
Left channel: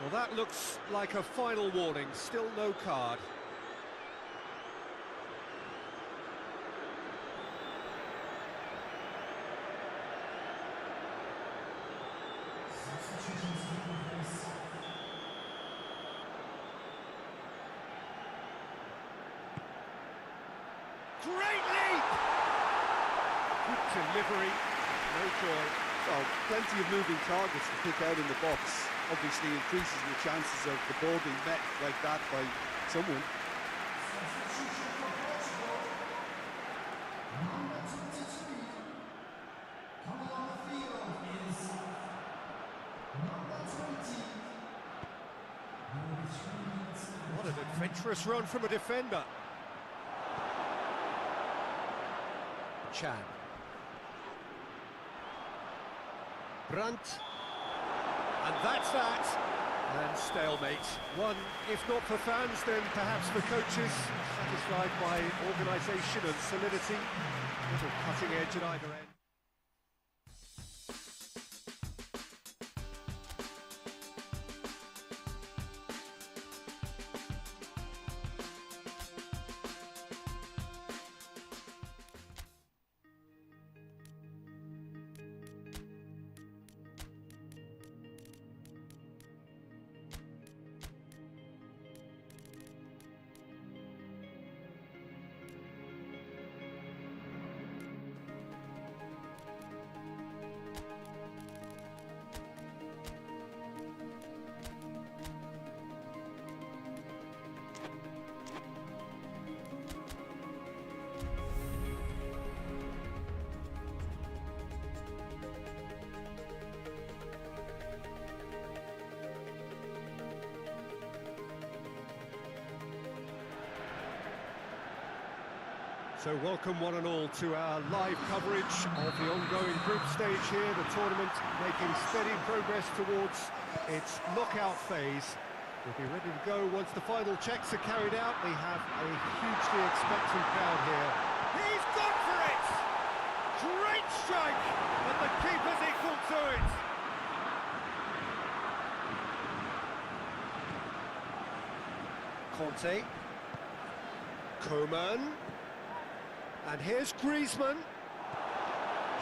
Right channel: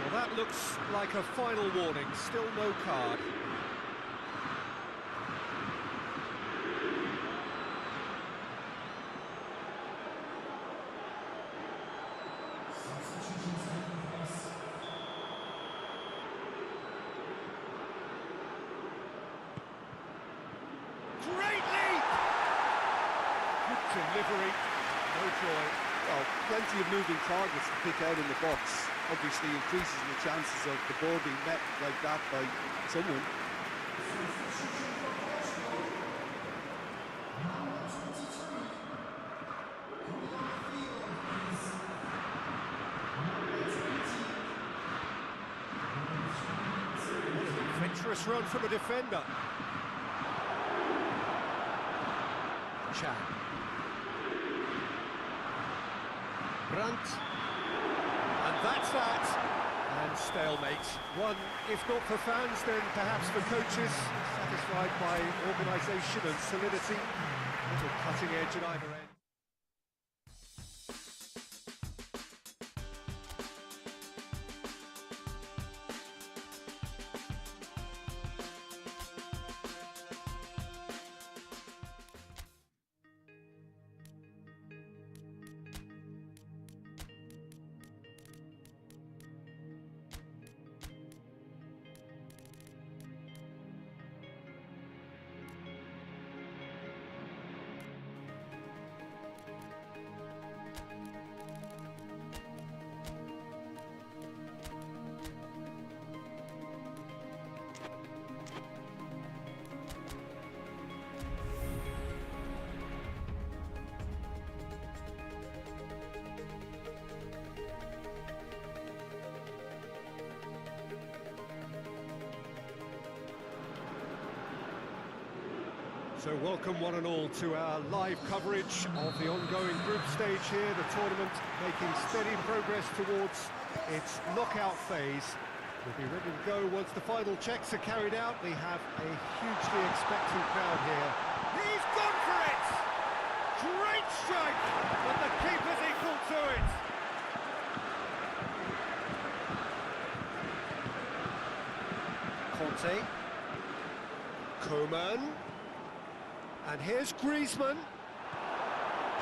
Well, that looks like a final warning. Still no card. Great leap! Good delivery, no joy. Well, plenty of moving targets to pick out in the box. Obviously increases the chances of the ball being met like that by someone. What an adventurous run from a defender. Chan. Brandt. And that's that. And stalemate. One, if not for fans, then perhaps for coaches, satisfied by organisation and solidity. Little cutting edge at either end. So welcome one and all to our live coverage of the ongoing group stage here, the tournament making steady progress towards its knockout phase. We'll be ready to go once the final checks are carried out. We have a hugely expectant crowd here. He's gone for it! Great strike, but the keeper's equal to it. Conte. Coman. And here's Griezmann.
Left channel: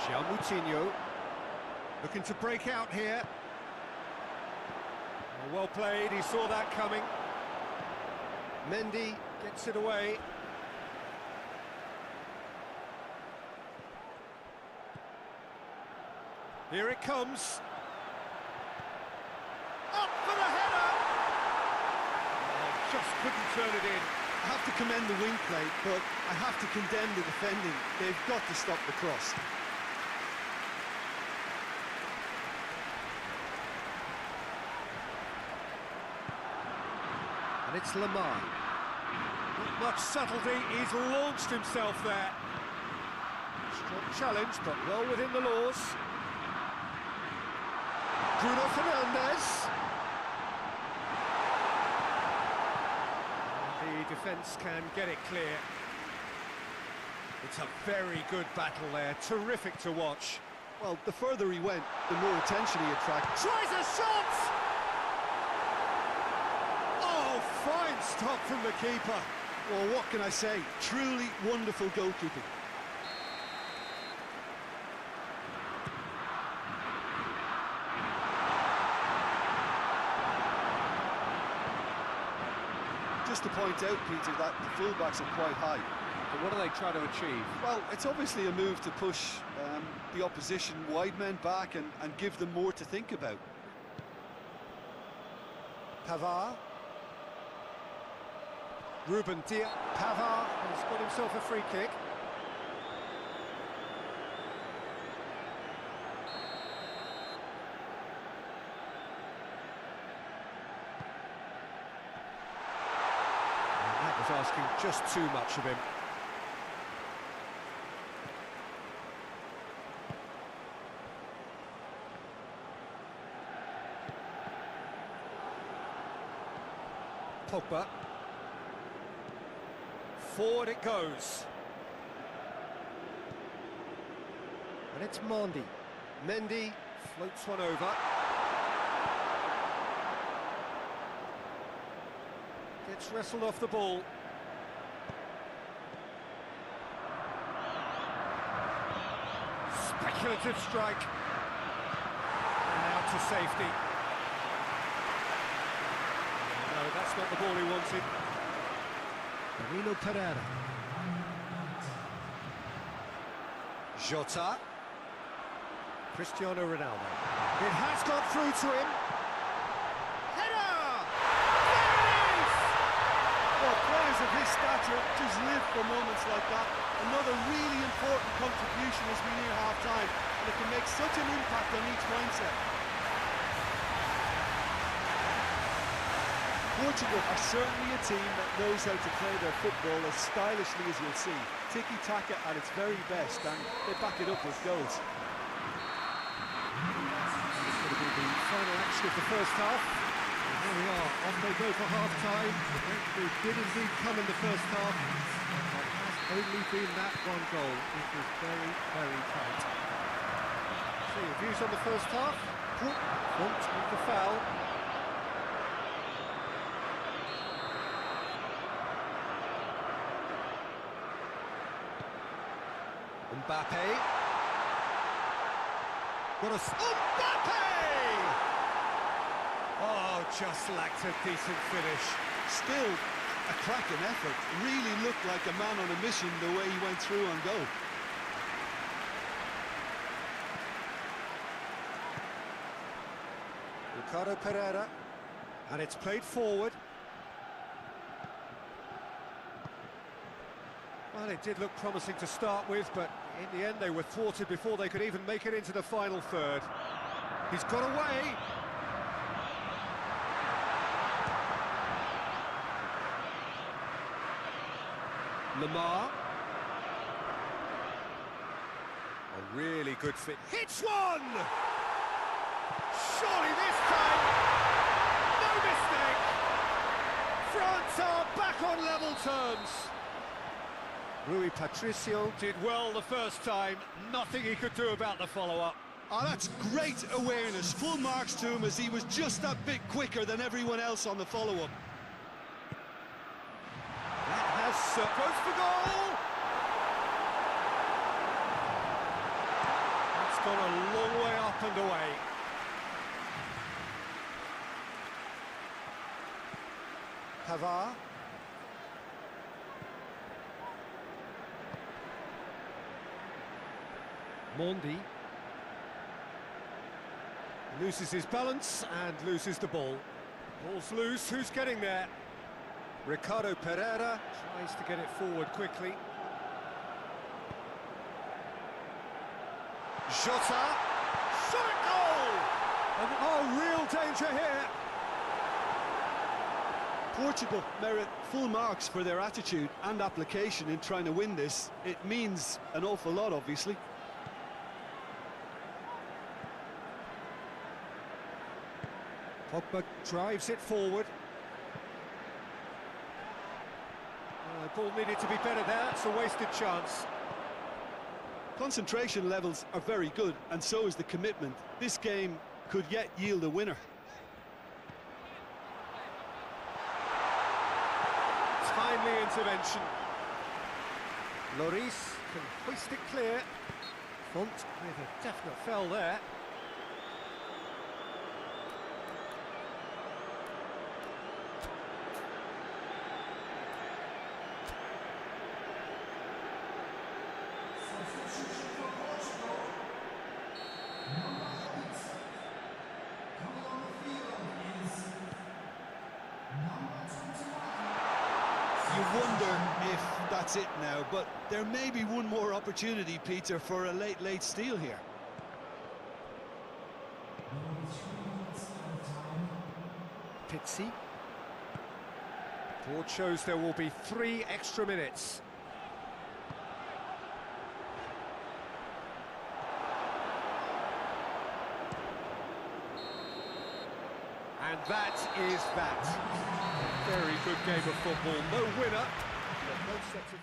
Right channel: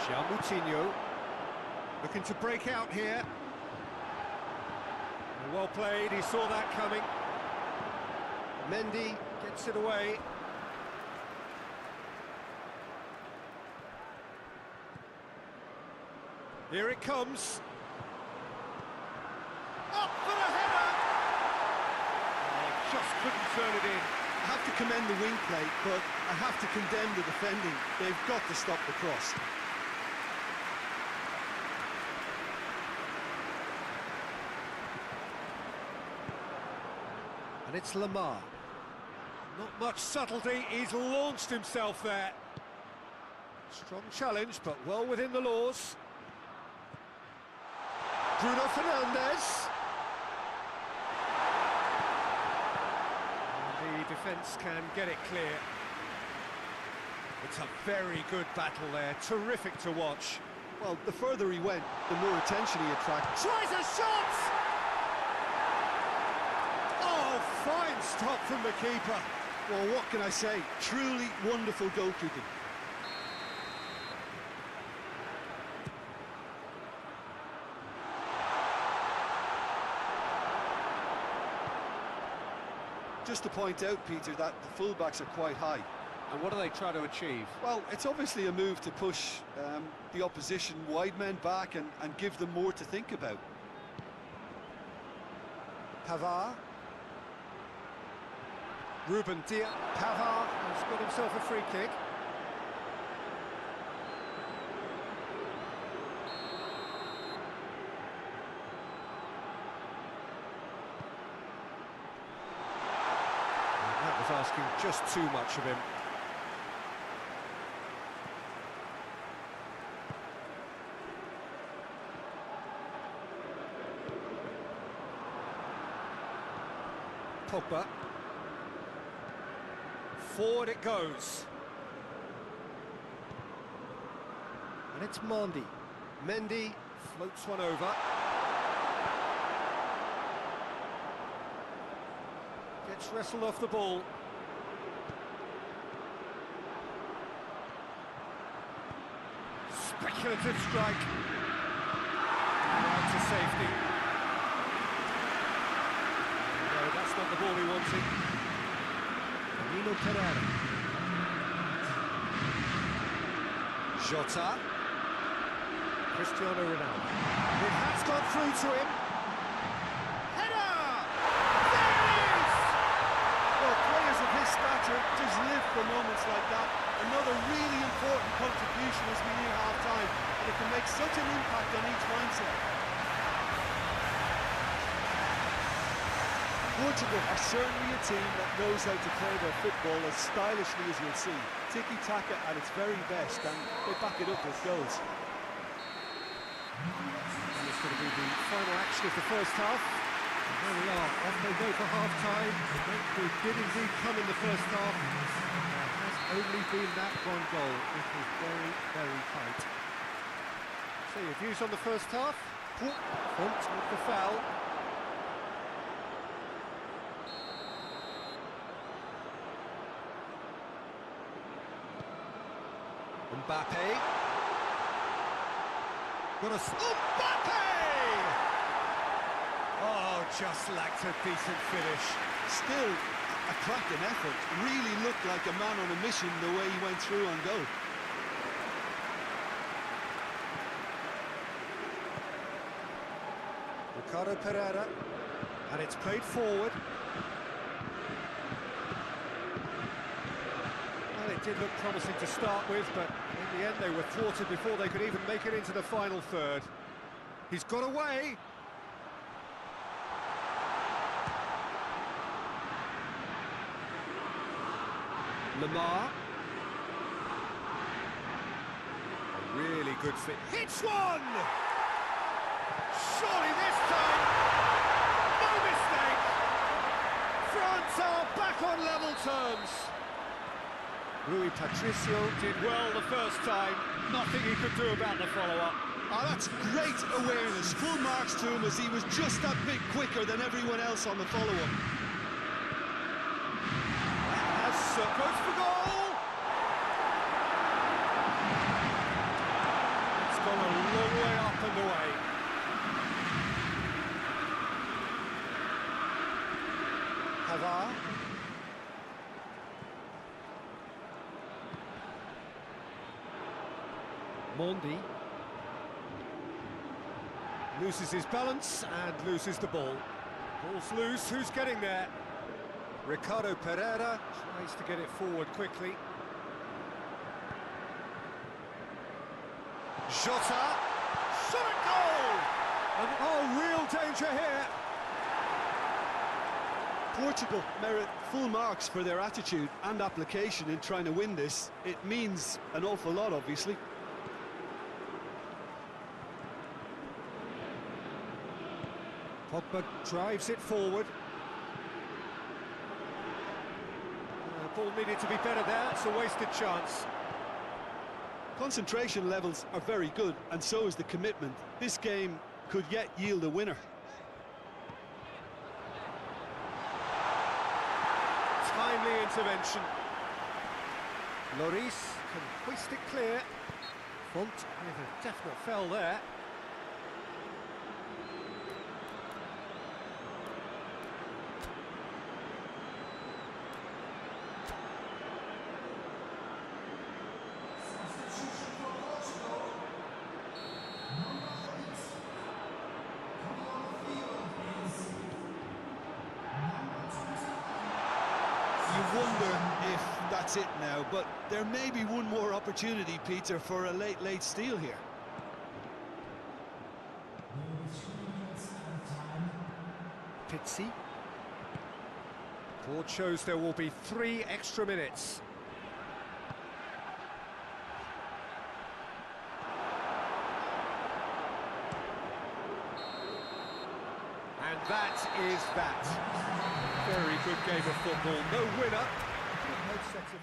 João Moutinho looking to break out here. Well played, he saw that coming. Mendy gets it away. Here it comes. Up for the header! Oh, just couldn't turn it in. I have to commend the wing play, but I have to condemn the defending. They've got to stop the cross. And it's Lamar. Not much subtlety, he's launched himself there. Strong challenge, but well within the laws. Bruno Fernandes. The defence can get it clear. It's a very good battle there, terrific to watch. Well, the further he went, the more attention he attracted. Tries a shot! Oh, fine stop from the keeper. Well, what can I say? Truly wonderful goalkeeping. Just to point out, Peter, that the fullbacks are quite high. And what do they try to achieve? Well, it's obviously a move to push the opposition wide men back and give them more to think about. Pavard. Ruben Diaz. Pavard has got himself a free kick. And that was asking just too much of him. Pogba. Forward it goes. And it's Mendy. Mendy floats one over. Gets wrestled off the ball. Speculative strike. And out to safety. No, that's not the ball he wanted. Danilo Pereira. Jota. Cristiano Ronaldo. It has gone through to him. Header! There it is! Well, players of his stature just live for moments like that. Another really important contribution as we near half-time, and it can make such an impact on each mindset. Portugal are certainly a team that knows how to play their football as stylishly as you'll see. Tiki-taka at its very best, and they back it up with goals. It's going to be the final action of the first half. And there we are, off they go for half-time. The breakthrough did indeed come in the first half, but there has only been that one goal. It was very, very tight. So your views on the first half? Font with the foul. Mbappe. Got a... Mbappe! Oh, just lacked a decent finish. Still, a cracking effort. Really looked like a man on a mission the way he went through on goal. Ricardo Pereira. And it's played forward. Well, it did look promising to start with, but in the end they were thwarted before they could even make it into the final third. He's got away. Lamar. A really good fit. Hits one! Surely this time, no mistake! France are back on level terms. Rui Patricio did well the first time, nothing he could do about the follow-up. Oh, that's great awareness. Full marks to him as he was just that bit quicker than everyone else on the follow-up. That has goes for goal! It's gone a long way up and away. Pavard. Mendy loses his balance and loses the ball. Ball's loose, who's getting there? Ricardo Pereira tries to get it forward quickly. Jota, shot at goal! And, oh, real danger here. Portugal merit full marks for their attitude and application in trying to win this. It means an awful lot, obviously. Pogba drives it forward. Ball needed to be better there, it's a wasted chance. Concentration levels are very good, and so is the commitment. This game could yet yield a winner. Timely intervention. Lloris can hoist it clear. Font with a definite foul there. You wonder if that's it now, but there may be one more opportunity, Peter, for a late steal here. Pizzi. Board shows there will be 3 extra minutes. And that is that. A very good game of football. No winner, but both sets of...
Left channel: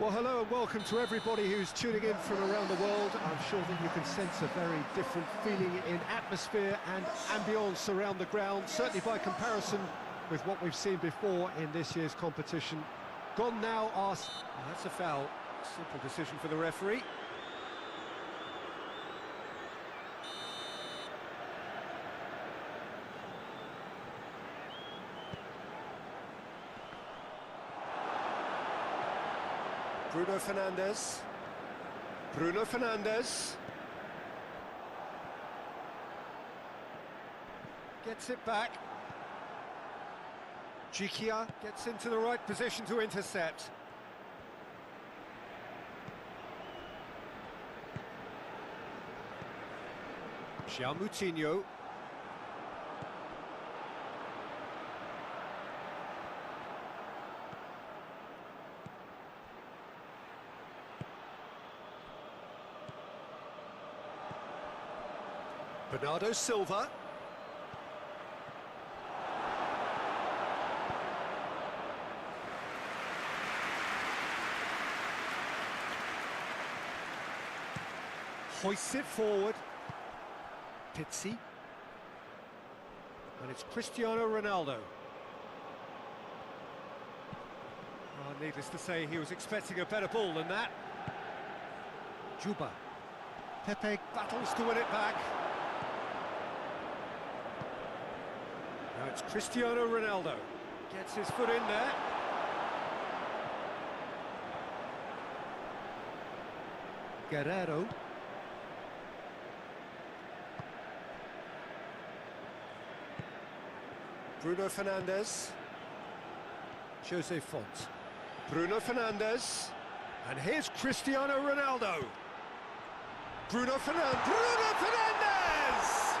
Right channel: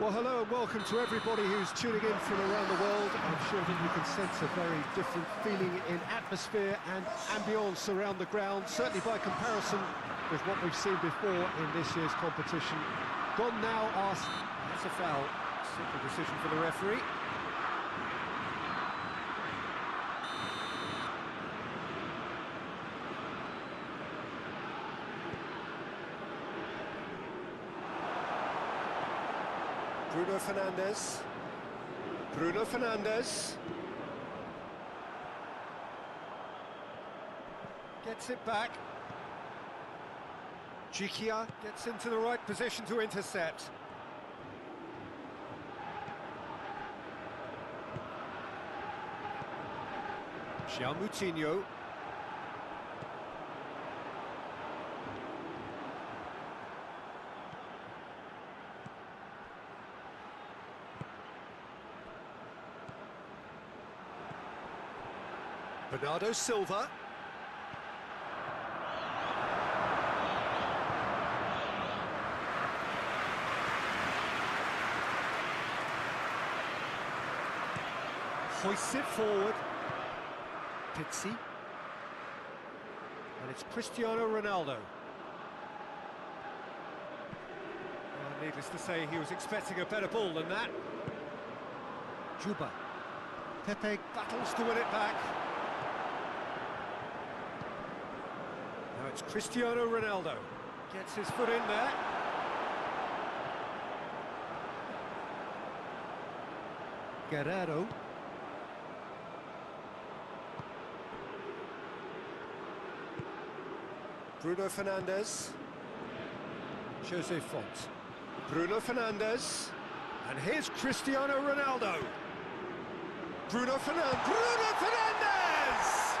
Well, hello and welcome to everybody who's tuning in from around the world. I'm sure that you can sense a very different feeling in atmosphere and ambience around the ground, certainly by comparison with what we've seen before in this year's competition. Gone now asked, that's a foul. Simple decision for the referee. Bruno Fernandes. Bruno Fernandes. Gets it back. Gikia gets into the right position to intercept. João Moutinho. Bernardo Silva. Hoists it forward. Pizzi. And it's Cristiano Ronaldo. Well, needless to say, he was expecting a better ball than that. Juba. Pepe battles to win it back. Now it's Cristiano Ronaldo. Gets his foot in there. Guerrero. Bruno Fernandes. Jose Font. Bruno Fernandes. And here's Cristiano Ronaldo. Bruno Fernandes. Bruno Fernandes!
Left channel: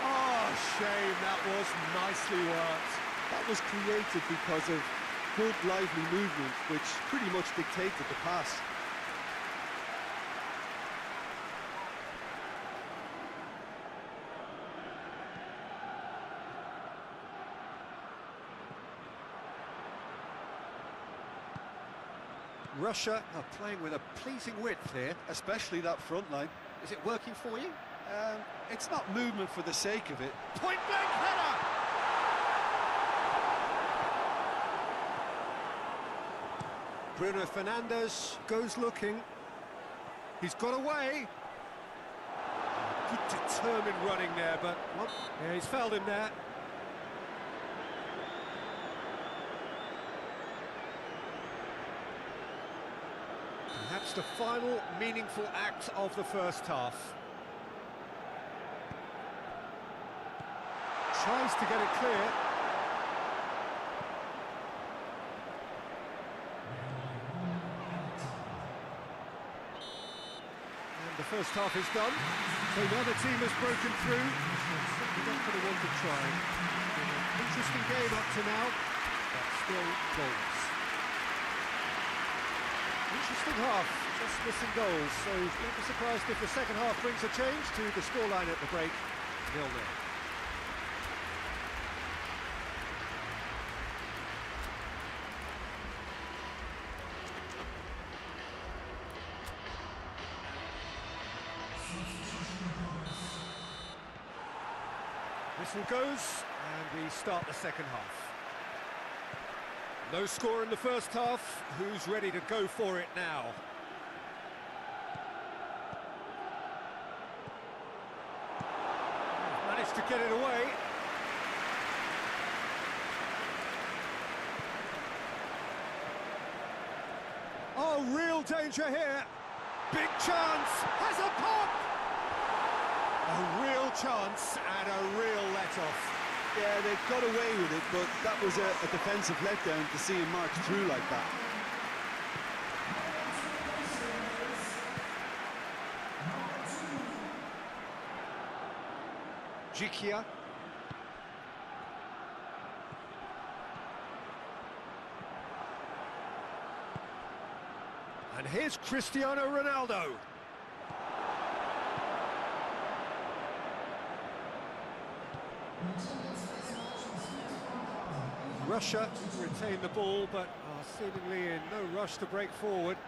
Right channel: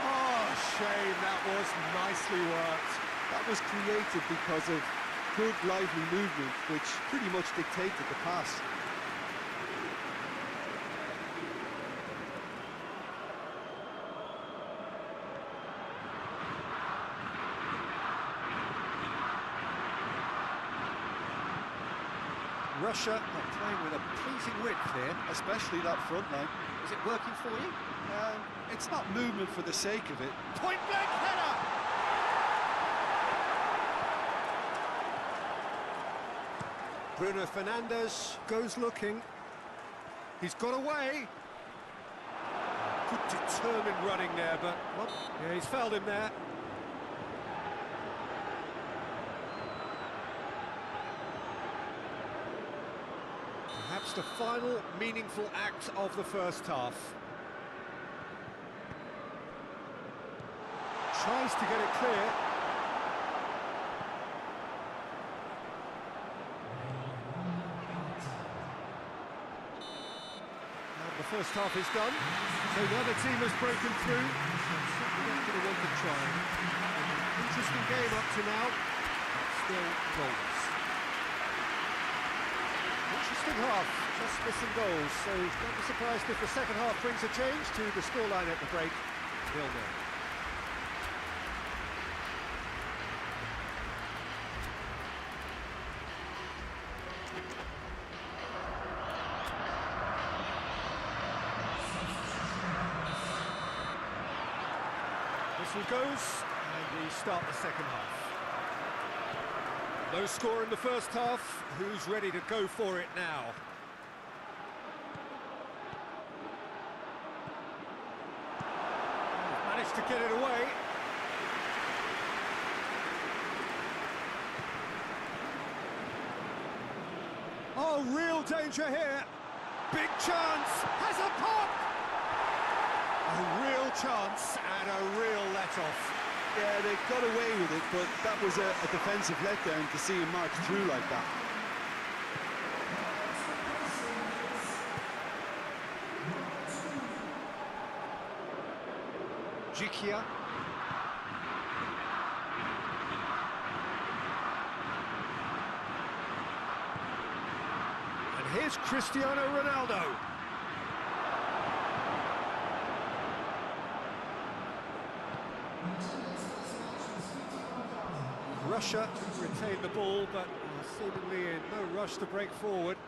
Oh, shame, that was nicely worked. That was created because of good, lively movement, which pretty much dictated the pass. Russia are playing with a pleasing width here. Especially that front line. Is it working for you? It's not movement for the sake of it. Point-blank header! Bruno Fernandes goes looking. He's got away. Good determined running there, but yeah, he's fouled him there. Perhaps the final meaningful act of the first half. Tries to get it clear. And the first half is done. So the other team has broken through. They're certainly not going to want to try. It's been an interesting game up to now, but still goalless. Interesting half, just missing goals, so don't be surprised if the second half brings a change to the scoreline at the break, 0-0. Whistle goes, and we start the second half. No score in the first half. Who's ready to go for it now? He's managed to get it away. Oh, real danger here. Big chance. Has a pop. A real chance and a real let-off. Yeah, they got away with it, but that was a defensive letdown to see him march through like that. Gikia. And here's Cristiano Ronaldo. Russia retain the ball, but are seemingly in no rush to break forward.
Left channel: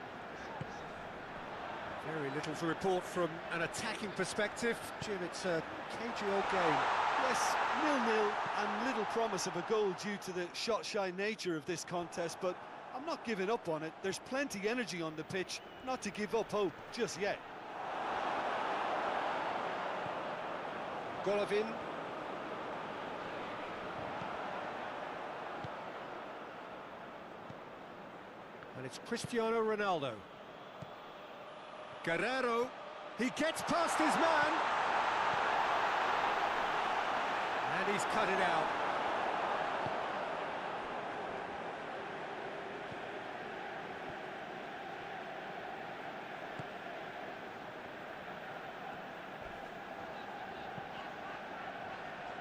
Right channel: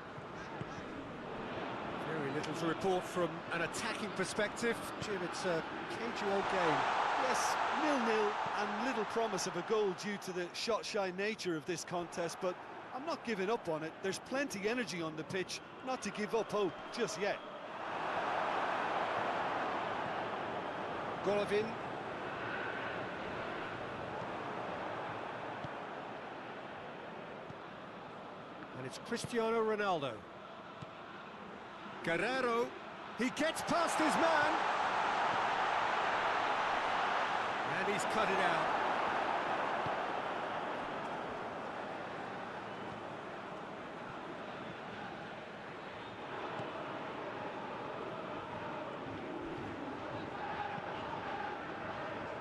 Very little to report from an attacking perspective. Jim, it's a cagey old game. Yes, 0-0 and little promise of a goal due to the shot-shy nature of this contest, but I'm not giving up on it. There's plenty energy on the pitch, not to give up hope just yet. Golovin. And it's Cristiano Ronaldo. Guerrero, he gets past his man. And he's cut it out.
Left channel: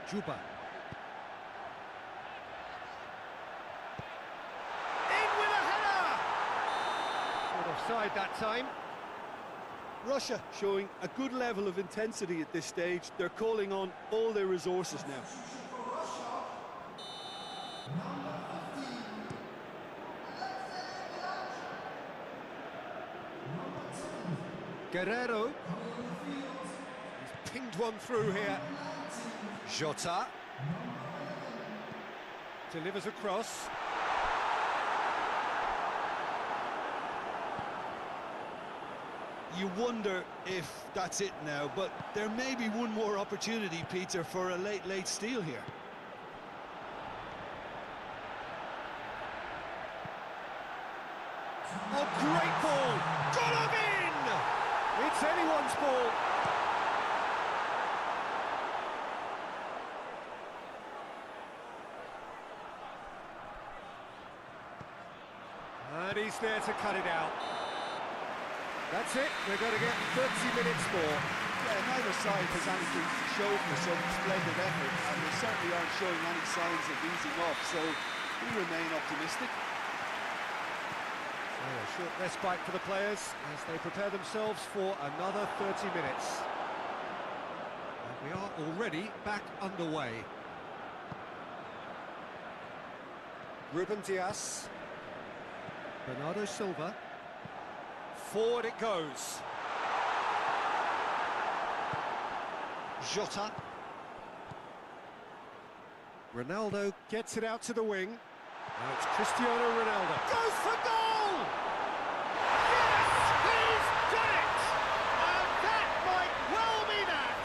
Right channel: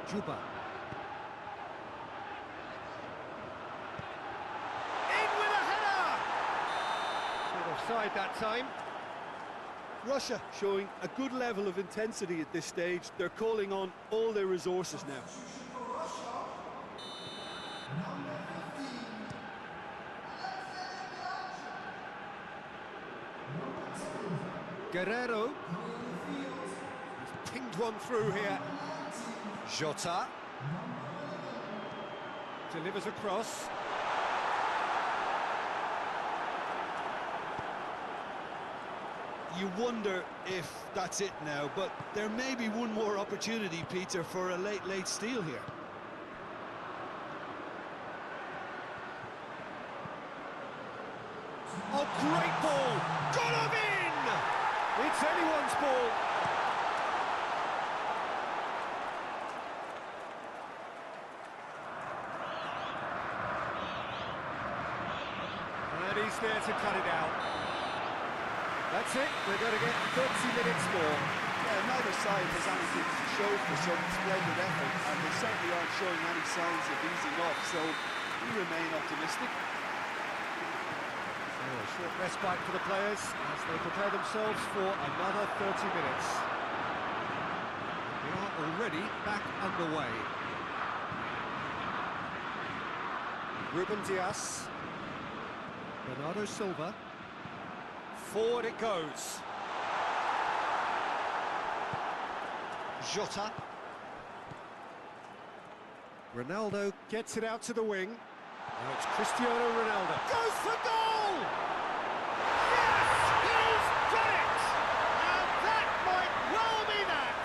Juba. Offside that time. Russia showing a good level of intensity at this stage. They're calling on all their resources now. Guerrero. He's pinged one through here. Jota. Delivers across. you wonder if that's it now, but there may be one more opportunity, Peter, for a late steal here. Oh, great ball! Got him in! It's anyone's ball. And he's there to cut it out. That's it, we're going to get 30 minutes more. Yeah, neither side has anything to show for some splendid effort, and they certainly aren't showing any signs of easing off, so we remain optimistic. So a short respite for the players as they prepare themselves for another 30 minutes. And we are already back underway. Ruben Dias. Bernardo Silva. Forward it goes. Jota. Ronaldo gets it out to the wing. Now it's Cristiano Ronaldo. Goes for goal! Yes! He's done it! And that might well be that!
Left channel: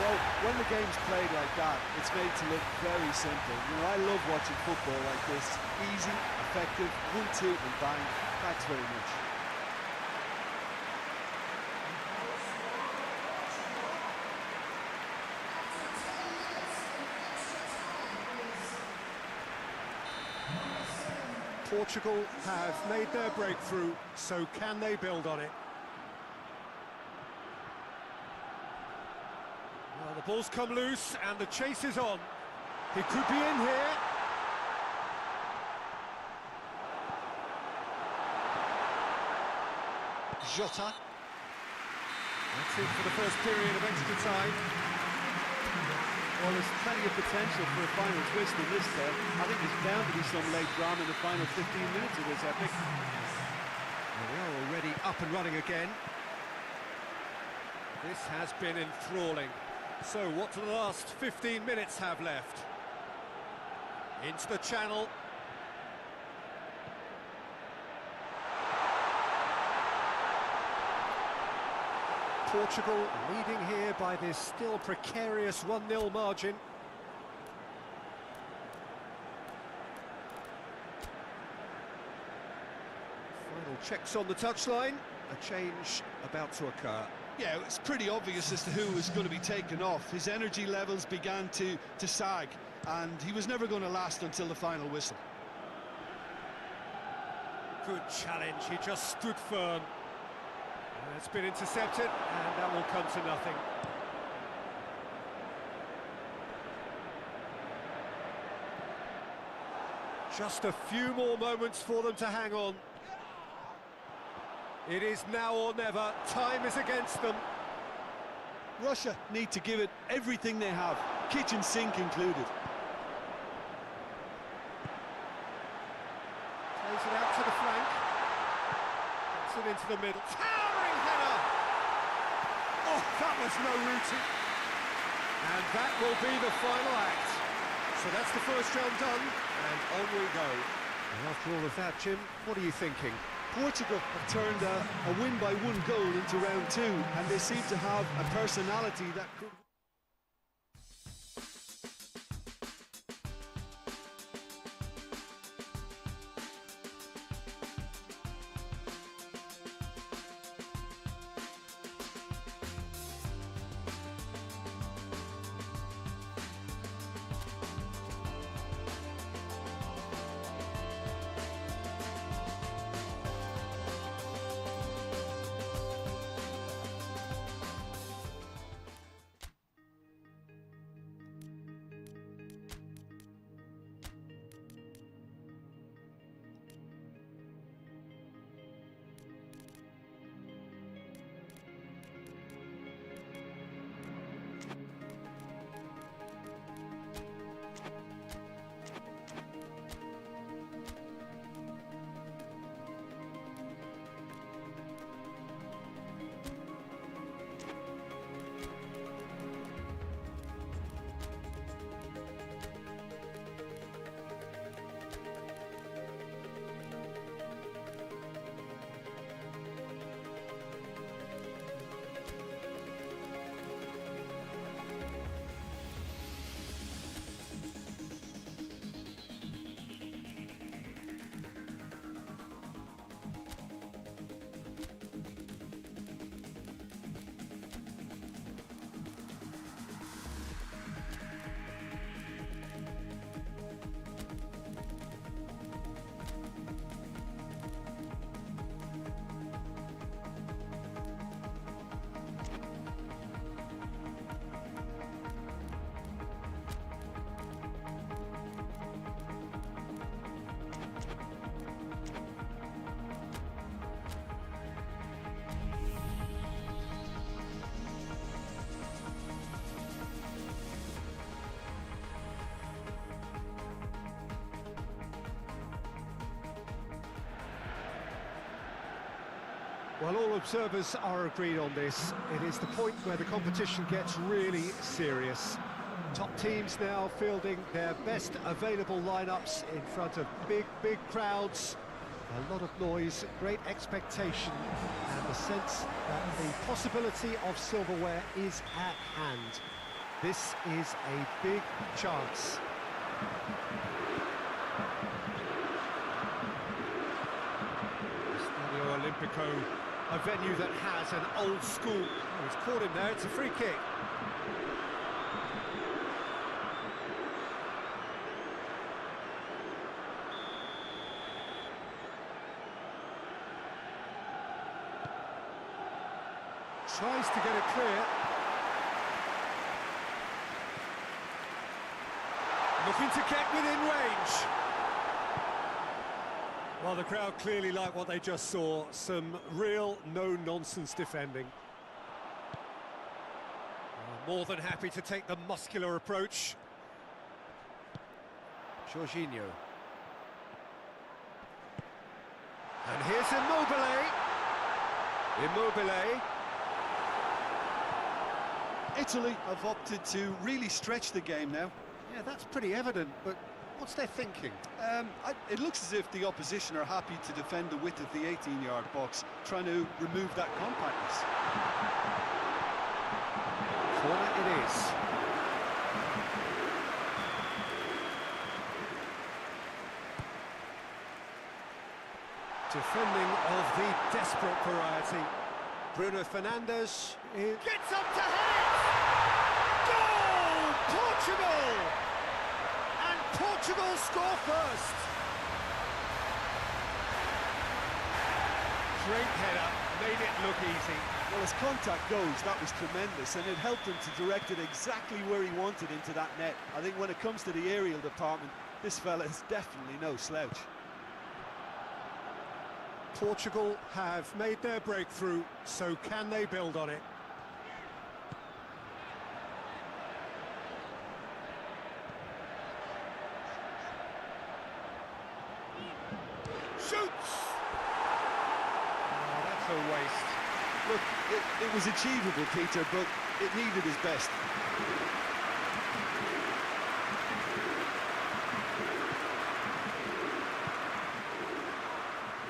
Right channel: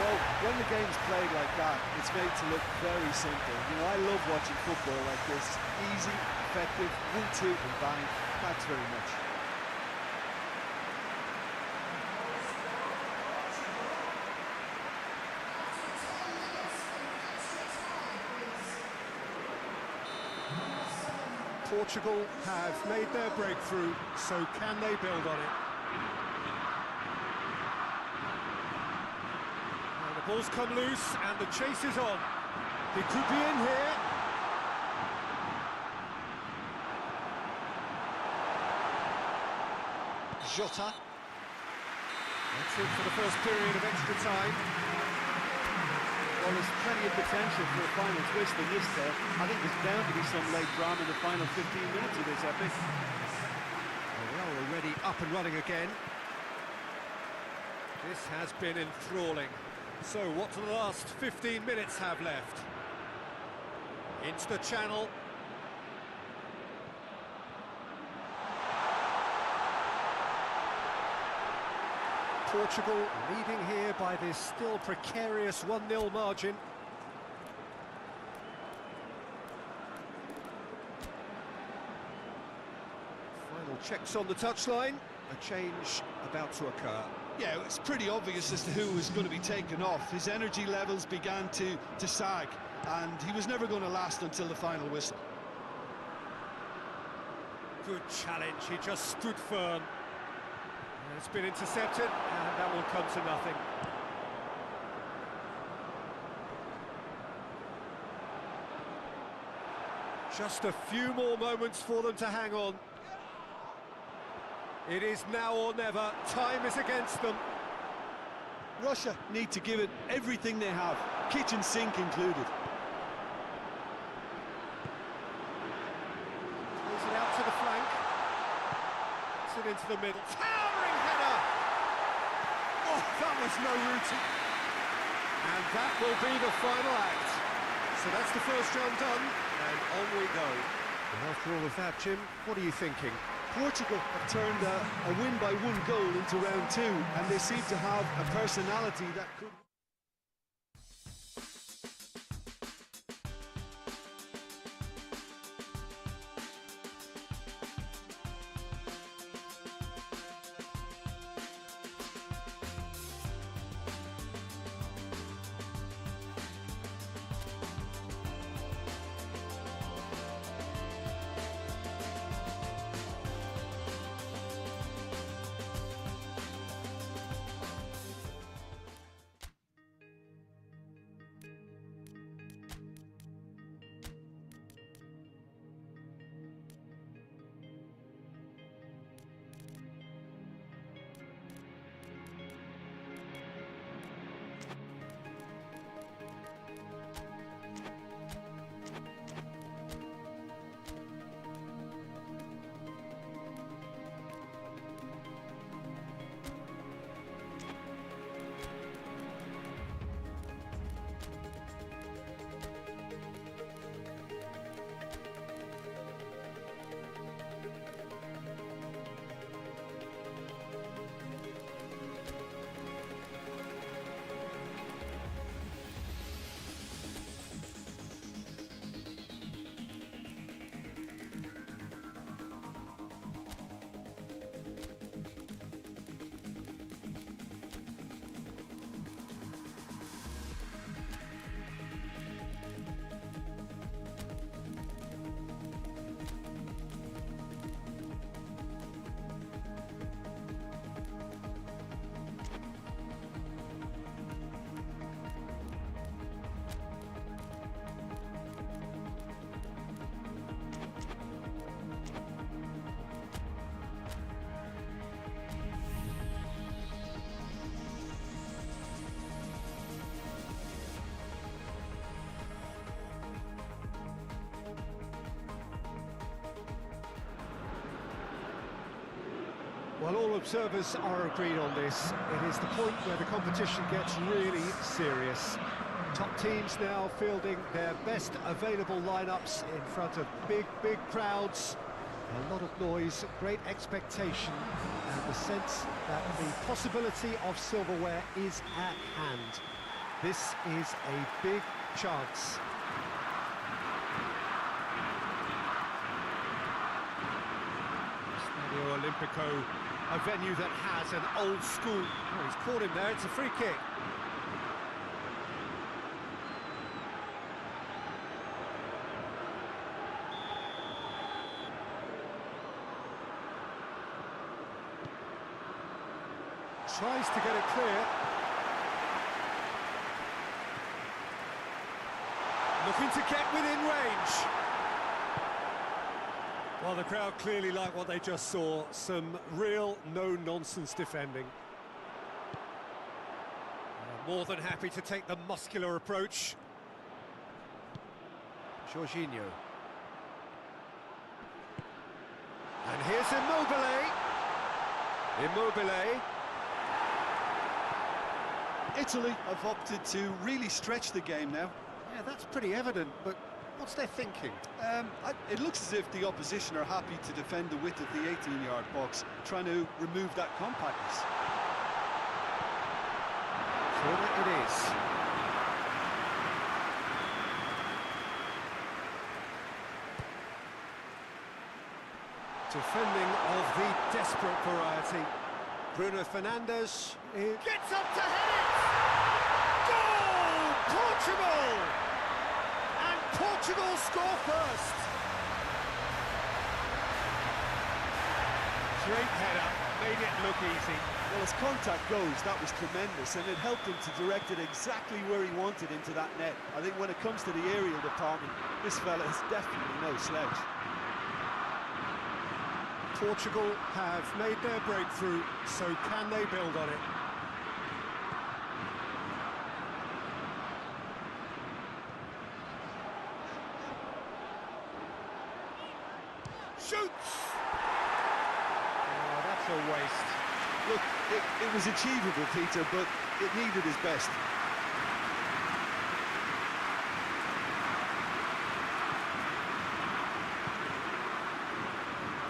Well, when the game's played like that, it's made to look very simple. You know, I love watching football like this. Easy, effective, 1-2 and bang. Thanks very much. Portugal have made their breakthrough, so can they build on it? Well, the ball's come loose and the chase is on. He could be in here. Jota. That's it for the first period of extra time. Well, there's plenty of potential for a final twist in this tale. I think there's bound to be some late drama in the final 15 minutes of this epic. Well, we are already up and running again. This has been enthralling. So what do the last 15 minutes have left? Into the channel. Portugal leading here by this still precarious 1-0 margin. Final checks on the touchline. A change about to occur. Yeah, it's pretty obvious as to who was going to be taken off. His energy levels began to sag, and he was never going to last until the final whistle. Good challenge, he just stood firm. It's been intercepted, and that will come to nothing. Just a few more moments for them to hang on. It is now or never. Time is against them. Russia need to give it everything they have, kitchen sink included. Plays it out to the flank. Gets it into the middle. Towering header! Oh, that was no routine. And that will be the final act. So that's the first round done, and on we go. And after all of that, Jim, what are you thinking? Portugal have turned a win by 1 goal into round 2, and they seem to have a personality that could... Well, all observers are agreed on this. It is the point where the competition gets really serious. Top teams now fielding their best available lineups in front of big crowds. A lot of noise, great expectation, and the sense that the possibility of silverware is at hand. This is a big chance. Stadio Olimpico, a venue that has an old school... Oh, he's caught him there, it's a free kick. Tries to get it clear. Looking to get within range. Well, the crowd clearly like what they just saw. Some real no-nonsense defending. More than happy to take the muscular approach. Jorginho. And here's Immobile. Immobile. Italy have opted to really stretch the game now. Yeah, that's pretty evident, but what's their thinking? It looks as if the opposition are happy to defend the width of the 18-yard box, trying to remove that compactness. Corner it is. Defending of the desperate variety. Bruno Fernandes gets up to head it! Goal! Portugal! And Portugal score first! Great header, made it look easy. Well, as contact goes, that was tremendous, and it helped him to direct it exactly where he wanted into that net. I think when it comes to the aerial department, this fella is definitely no slouch. Portugal have made their breakthrough, so can they build on it? Shoots! Oh, that's a waste. Look, it was achievable, Peter, but it needed his best.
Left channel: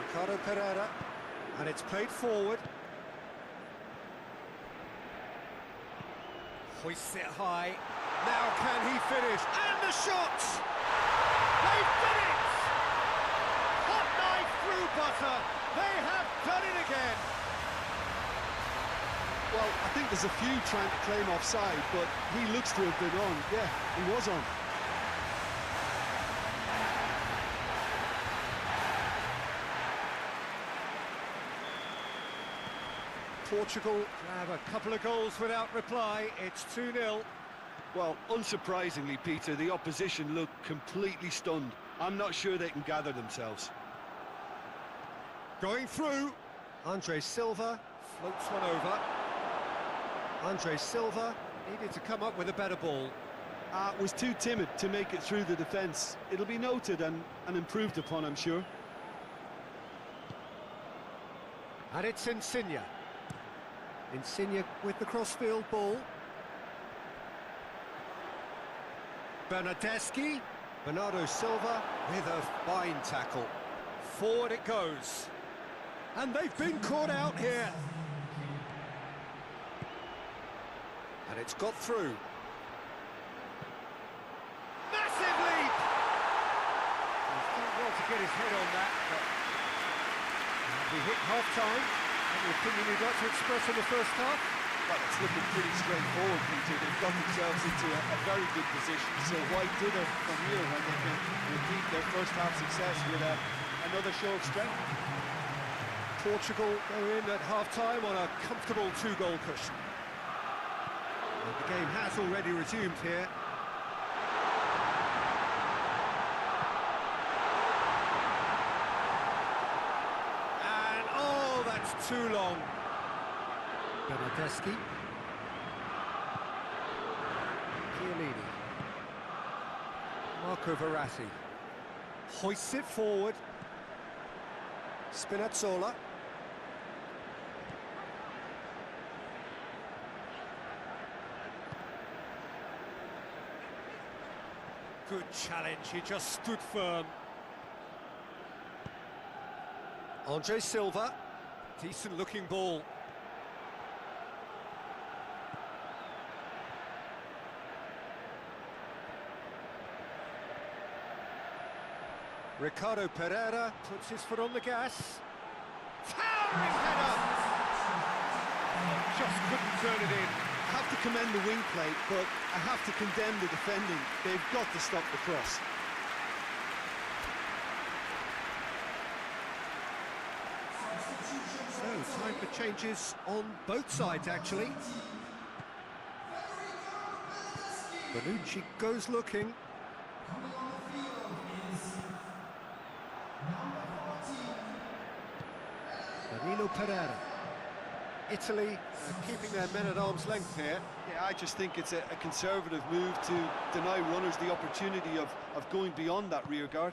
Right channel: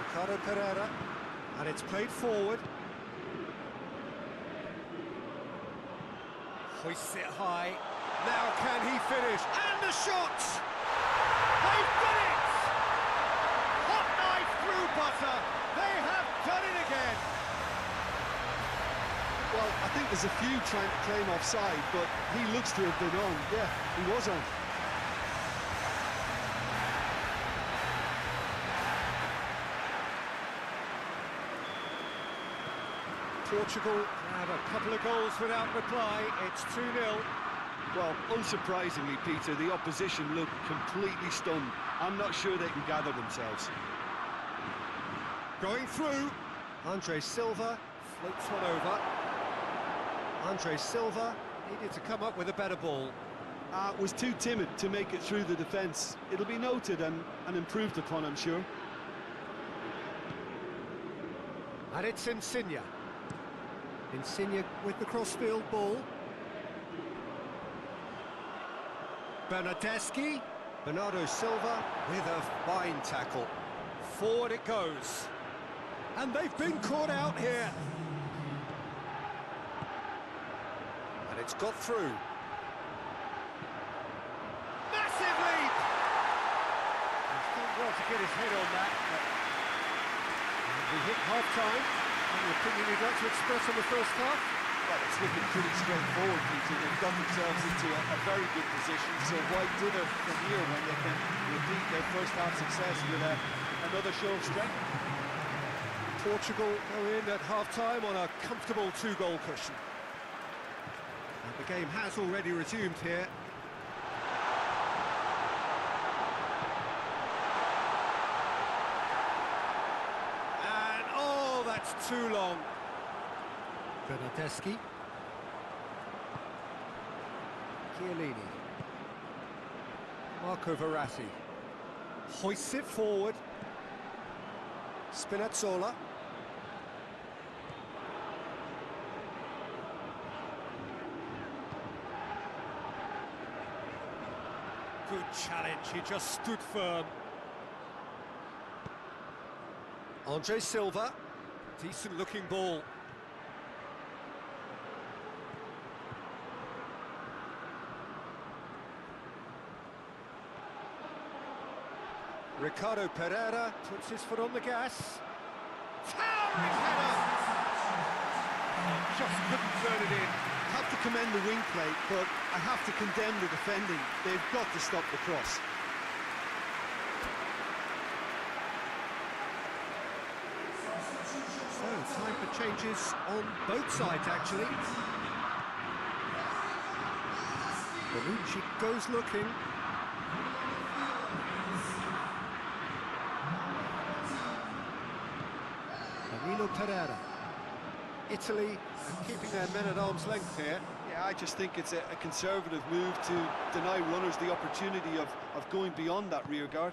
Ricardo Pereira, and it's played forward. Hoists it high. Now can he finish? And the shot! They've done it! Hot knife through butter. They have done it again. Well, I think there's a few trying to claim offside, but he looks to have been on. Yeah, he was on. Portugal have a couple of goals without reply. It's 2-0. Well, unsurprisingly, Peter, the opposition look completely stunned. I'm not sure they can gather themselves. Going through. Andre Silva floats one over. Andre Silva needed to come up with a better ball. Was too timid to make it through the defence. It'll be noted and improved upon, I'm sure. And it's Insigne. Insigne with the crossfield ball. Bernardeschi. Bernardo Silva with a fine tackle. Forward it goes. And they've been caught out here. And it's got through. Massive leap! He's done well to get his head on that, but we hit half-time. Any opinion you'd like to express on the first half? Well, it's looking pretty straightforward, Peter. They've got themselves into a very good position, so why dither from here when they can repeat their first half success with another show of strength? Portugal go in at half-time on a comfortable 2-goal cushion. And the game has already resumed here. And, oh, that's too long. Bernardeschi. Chiellini. Marco Verratti. Hoists it forward. Spinazzola. Good challenge, he just stood firm. Andre Silva, decent looking ball. Ricardo Pereira puts his foot on the gas. Towering header! Oh, just couldn't turn it in. I have to commend the wing play, but I have to condemn the defending. They've got to stop the cross. So, time for changes on both sides, actually. Bonucci goes looking. Danilo Pereira. Italy keeping their men at arm's length here. Yeah, I just think it's a conservative move to deny runners the opportunity of going beyond that rear guard.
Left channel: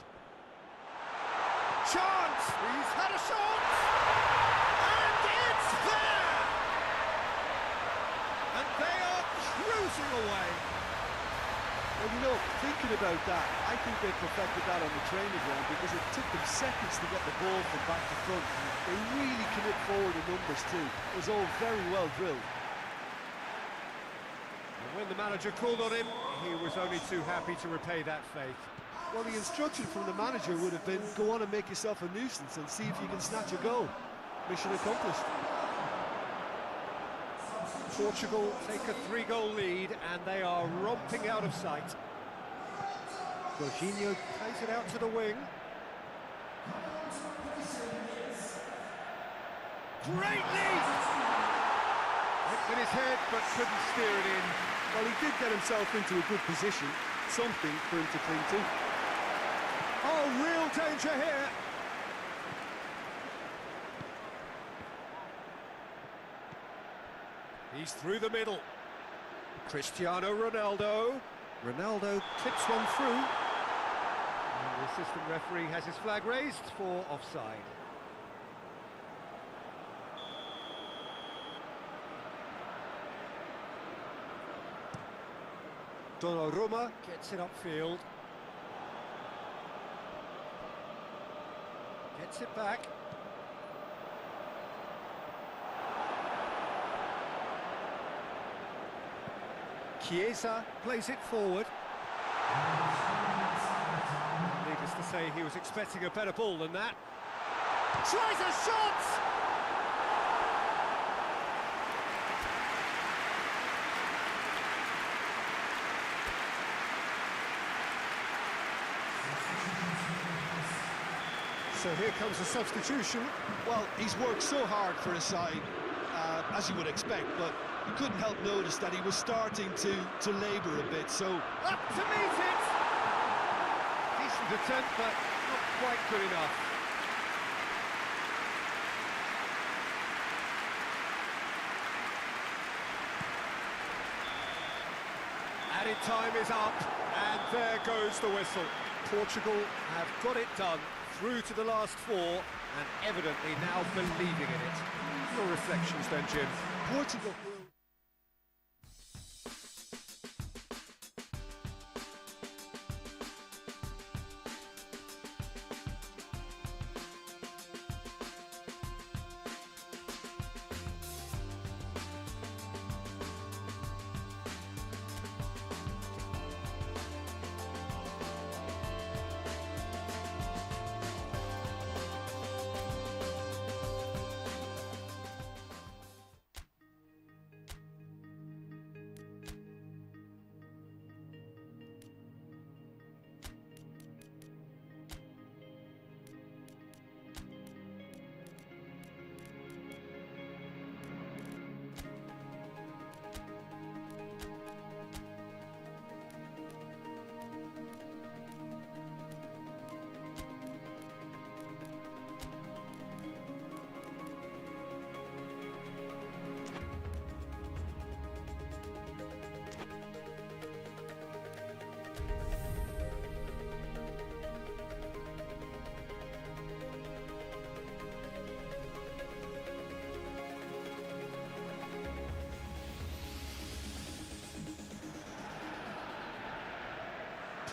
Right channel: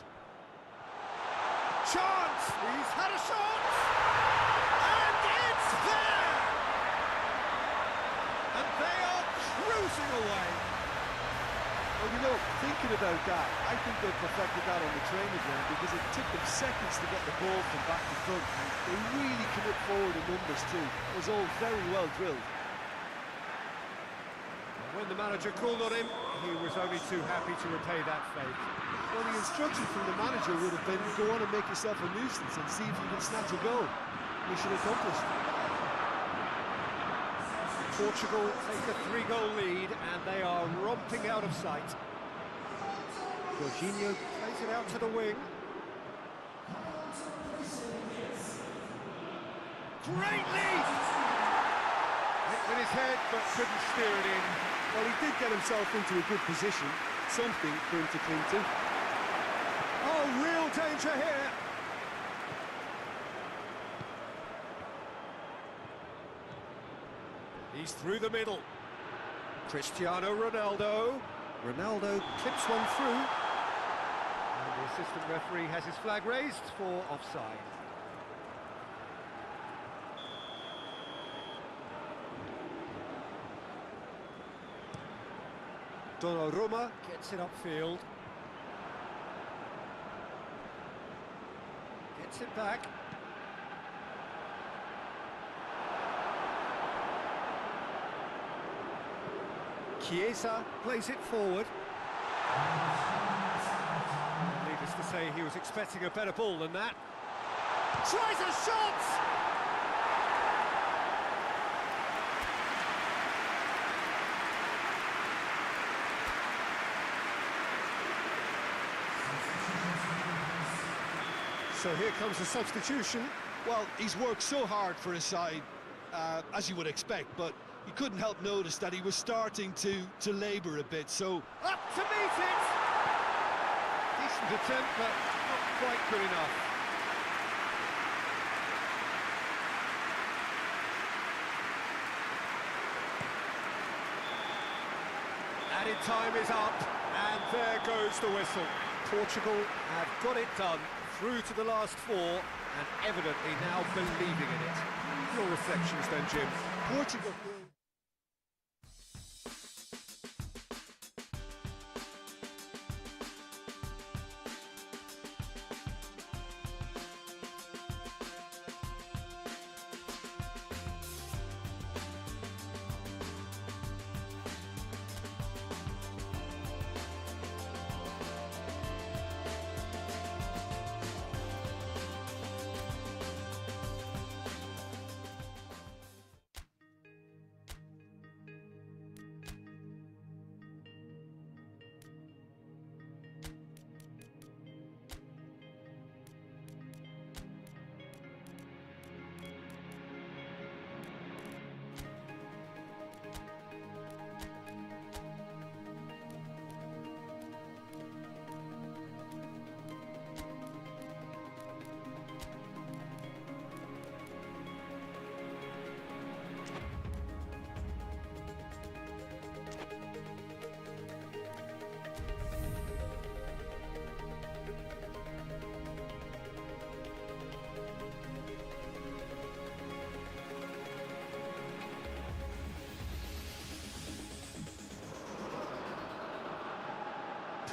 Chance! He's had a shot! And it's there! And they are cruising away. Well, you know, thinking about that, I think they perfected that on the training ground because it took them seconds to get the ball from back to front. And they really commit forward in numbers too. That was all very well drilled. And when the manager called on him, he was only too happy to repay that faith. Well, the instruction from the manager would have been, go on and make yourself a nuisance and see if you can snatch a goal. Mission accomplished. Portugal take a 3-goal lead and they are romping out of sight. Jorginho plays it out to the wing. Great leap! Went with his head but couldn't steer it in. Well, he did get himself into a good position, something for him to cling to. Oh, real danger here! He's through the middle. Cristiano Ronaldo. Ronaldo clips one through. And the assistant referee has his flag raised for offside. Donnarumma gets it upfield. Gets it back. Chiesa plays it forward. Needless to say, he was expecting a better ball than that. Tries a shot! So here comes a substitution. Well, he's worked so hard for his side, as you would expect, but you couldn't help notice that he was starting to labour a bit, so... Up to meet it! Decent attempt, but not quite good enough. Added time is up, and there goes the whistle. Portugal have got it done, through to the last four, and evidently now believing in it. Your reflections then, Jim? Portugal will...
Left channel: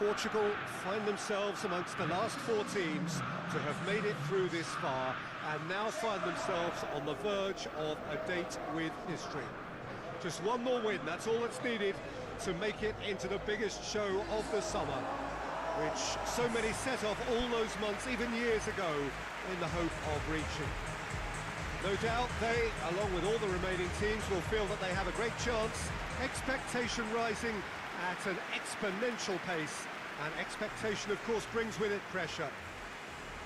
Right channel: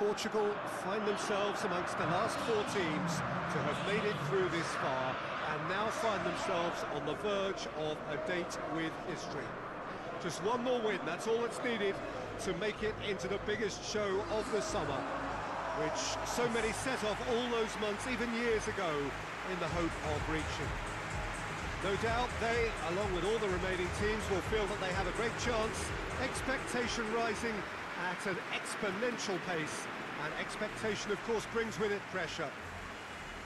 Portugal find themselves amongst the last four teams to have made it through this far and now find themselves on the verge of a date with history. Just one more win, that's all that's needed to make it into the biggest show of the summer, which so many set off all those months, even years ago, in the hope of reaching. No doubt they, along with all the remaining teams, will feel that they have a great chance, expectation rising at an exponential pace, and expectation, of course, brings with it pressure.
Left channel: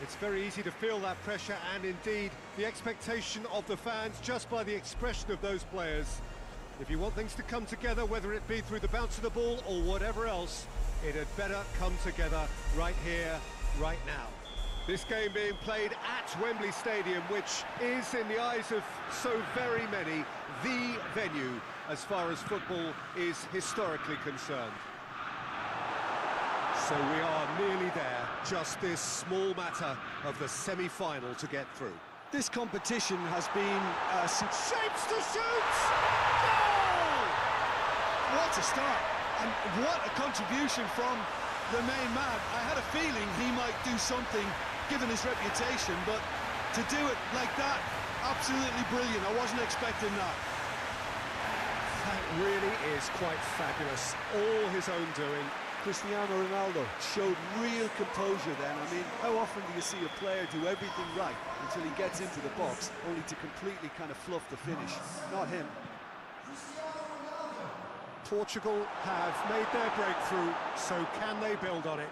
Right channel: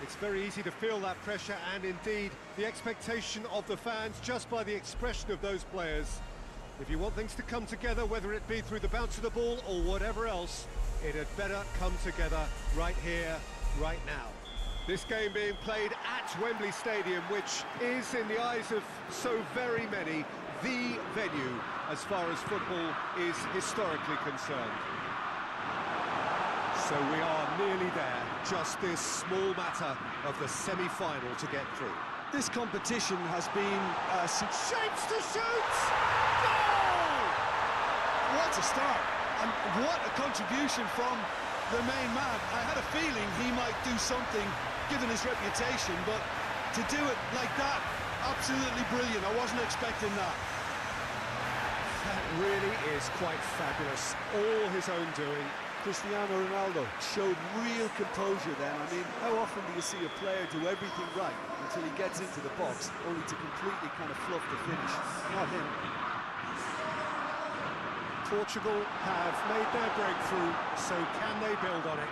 It's very easy to feel that pressure, and indeed the expectation of the fans just by the expression of those players. If you want things to come together, whether it be through the bounce of the ball or whatever else, it had better come together right here, right now. This game being played at Wembley Stadium, which is, in the eyes of so very many, the venue as far as football is historically concerned. So we are nearly there, just this small matter of the semi-final to get through. This competition has been Shapes to shoot! Goal! what a start, and what a contribution from the main man. I had a feeling he might do something given his reputation, but to do it like that, absolutely brilliant. I wasn't expecting that. That really is quite fabulous, all his own doing. Cristiano Ronaldo showed real composure then. I mean, how often do you see a player do everything right until he gets into the box, only to completely kind of fluff the finish? Not him. Portugal have made their breakthrough, so can they build on it?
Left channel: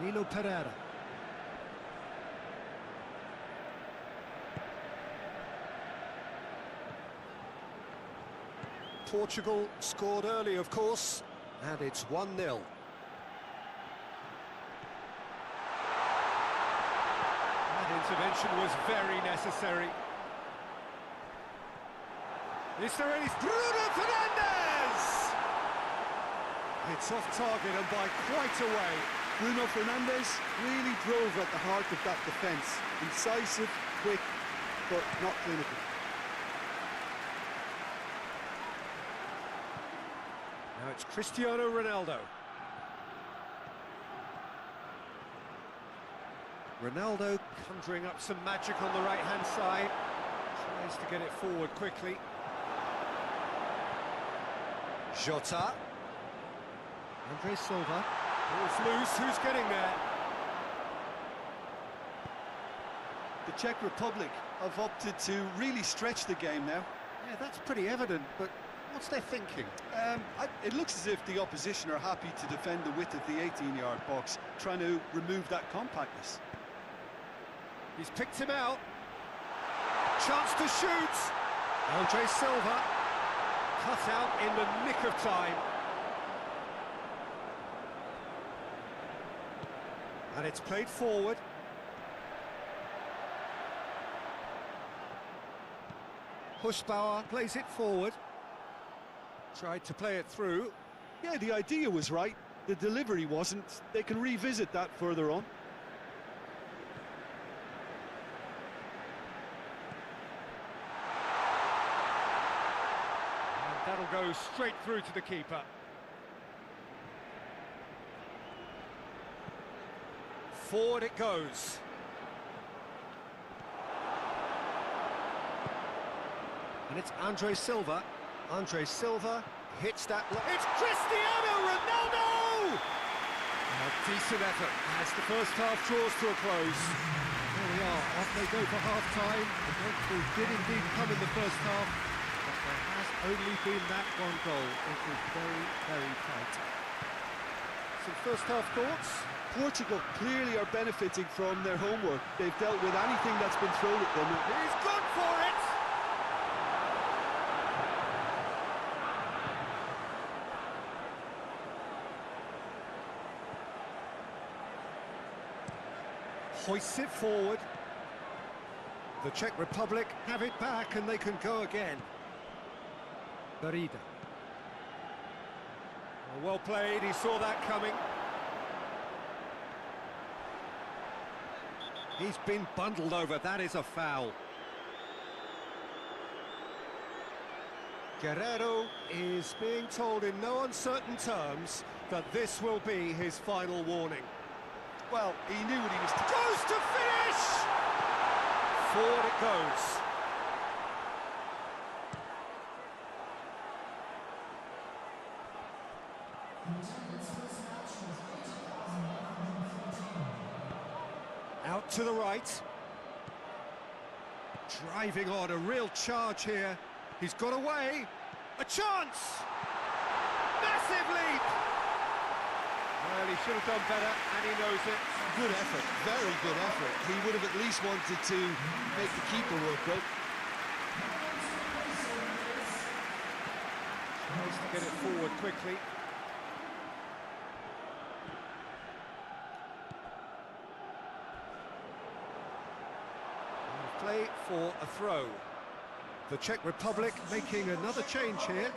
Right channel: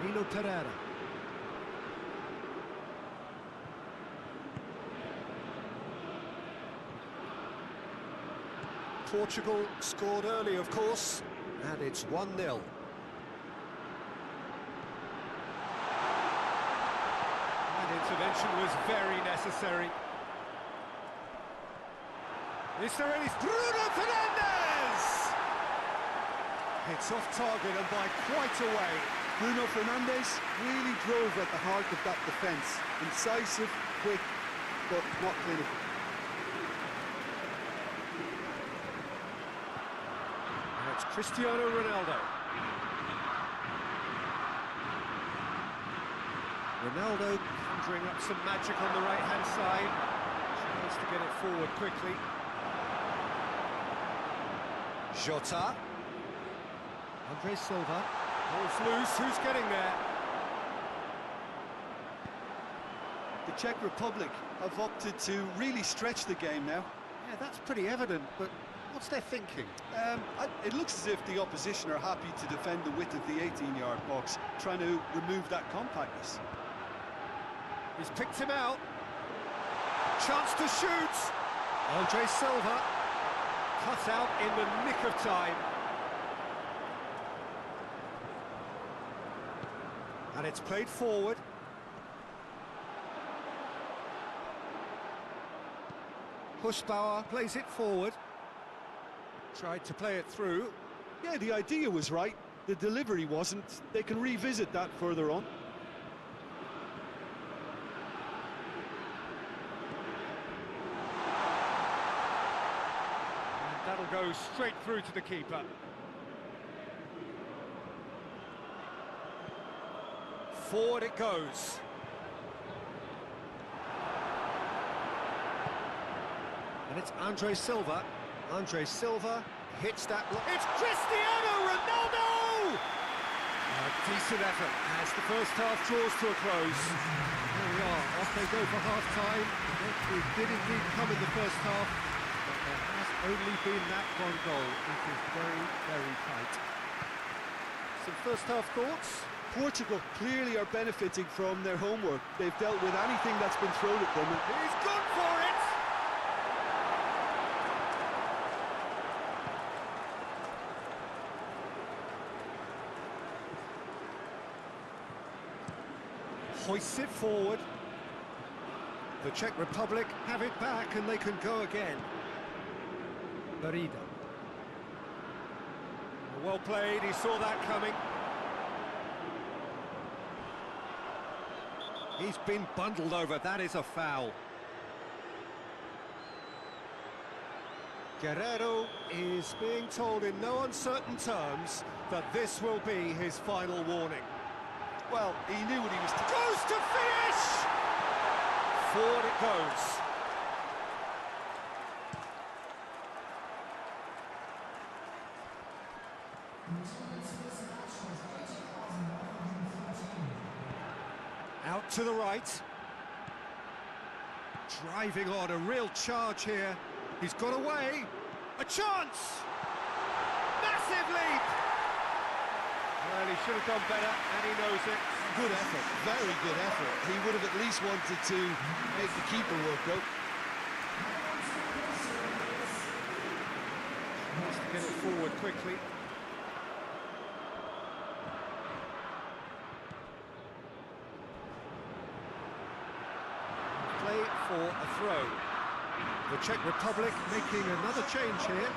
Danilo Pereira. Portugal scored early, of course, and it's 1-0. That intervention was very necessary. Is there any... Bruno Fernandes! It's off target and by quite a way. Bruno Fernandes really drove at the heart of that defence. Incisive, quick, but not clinical. Now it's Cristiano Ronaldo. Ronaldo conjuring up some magic on the right-hand side. Tries to get it forward quickly. Jota. Andre Silva. Ball's loose, who's getting there? The Czech Republic have opted to really stretch the game now. Yeah, that's pretty evident, but what's their thinking? It looks as if the opposition are happy to defend the width of the 18-yard box, trying to remove that compactness. He's picked him out. Chance to shoot. Andre Silva. Cut out in the nick of time. And it's played forward. Hushbauer plays it forward. Tried to play it through. Yeah, the idea was right. The delivery wasn't. They can revisit that further on. And that'll go straight through to the keeper. Forward it goes. And it's Andre Silva. Andre Silva hits that... It's Cristiano Ronaldo! A decent effort as the first half draws to a close. And here we are, off they go for half-time. The breakthrough did indeed come in the first half, but there has only been that one goal. It is very, very tight. Some first half thoughts? Portugal clearly are benefiting from their homework. They've dealt with anything that's been thrown at them. He's gone for it! Hoists it forward. The Czech Republic have it back and they can go again. Barida. Well played, he saw that coming. He's been bundled over, that is a foul. Guerrero is being told in no uncertain terms that this will be his final warning. Well, he knew what he was... Goes to finish! Forward it goes. Out to the right. Driving on, a real charge here. He's got away. A chance! Massive leap! Well, he should have done better, and he knows it. Good effort, very good effort. He would have at least wanted to make the keeper work, though. Tries to get it forward quickly. Play for a throw. The Czech Republic making another change here.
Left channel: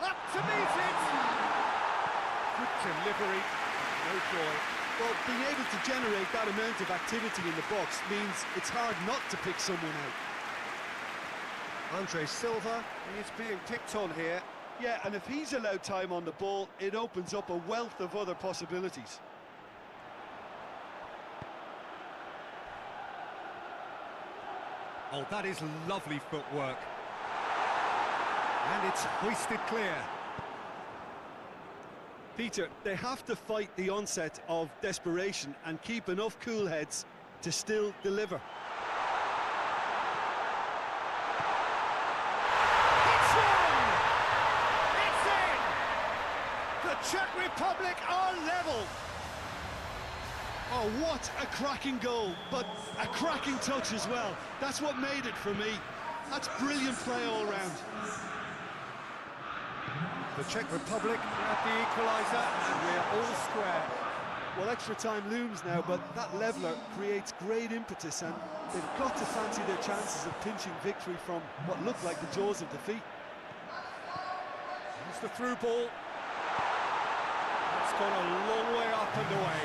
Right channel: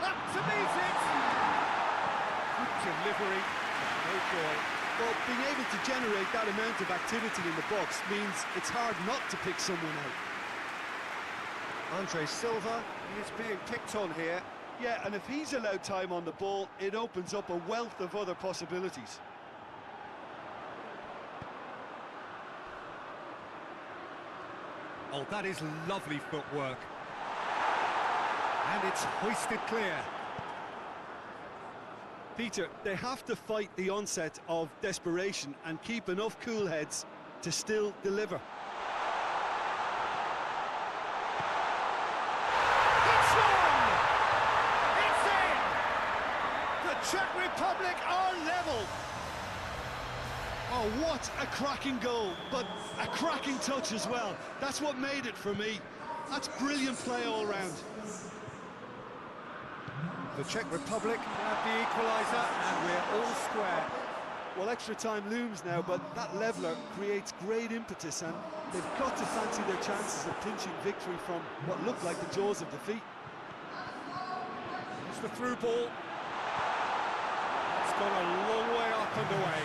Up to meet it! Good delivery, no joy. Well, being able to generate that amount of activity in the box means it's hard not to pick someone out. Andre Silva is being picked on here. Yeah, and if he's allowed time on the ball, it opens up a wealth of other possibilities. Oh, that is lovely footwork. And it's hoisted clear. Peter, they have to fight the onset of desperation and keep enough cool heads to still deliver. It's one! It's in! The Czech Republic are level! Oh, what a cracking goal, but a cracking touch as well. That's what made it for me. That's brilliant play all round. The Czech Republic grab the equaliser, and we're all square. Well, extra time looms now, but that leveller creates great impetus, and they've got to fancy their chances of pinching victory from what looked like the jaws of defeat. It's the through ball. That's gone a long way up and away.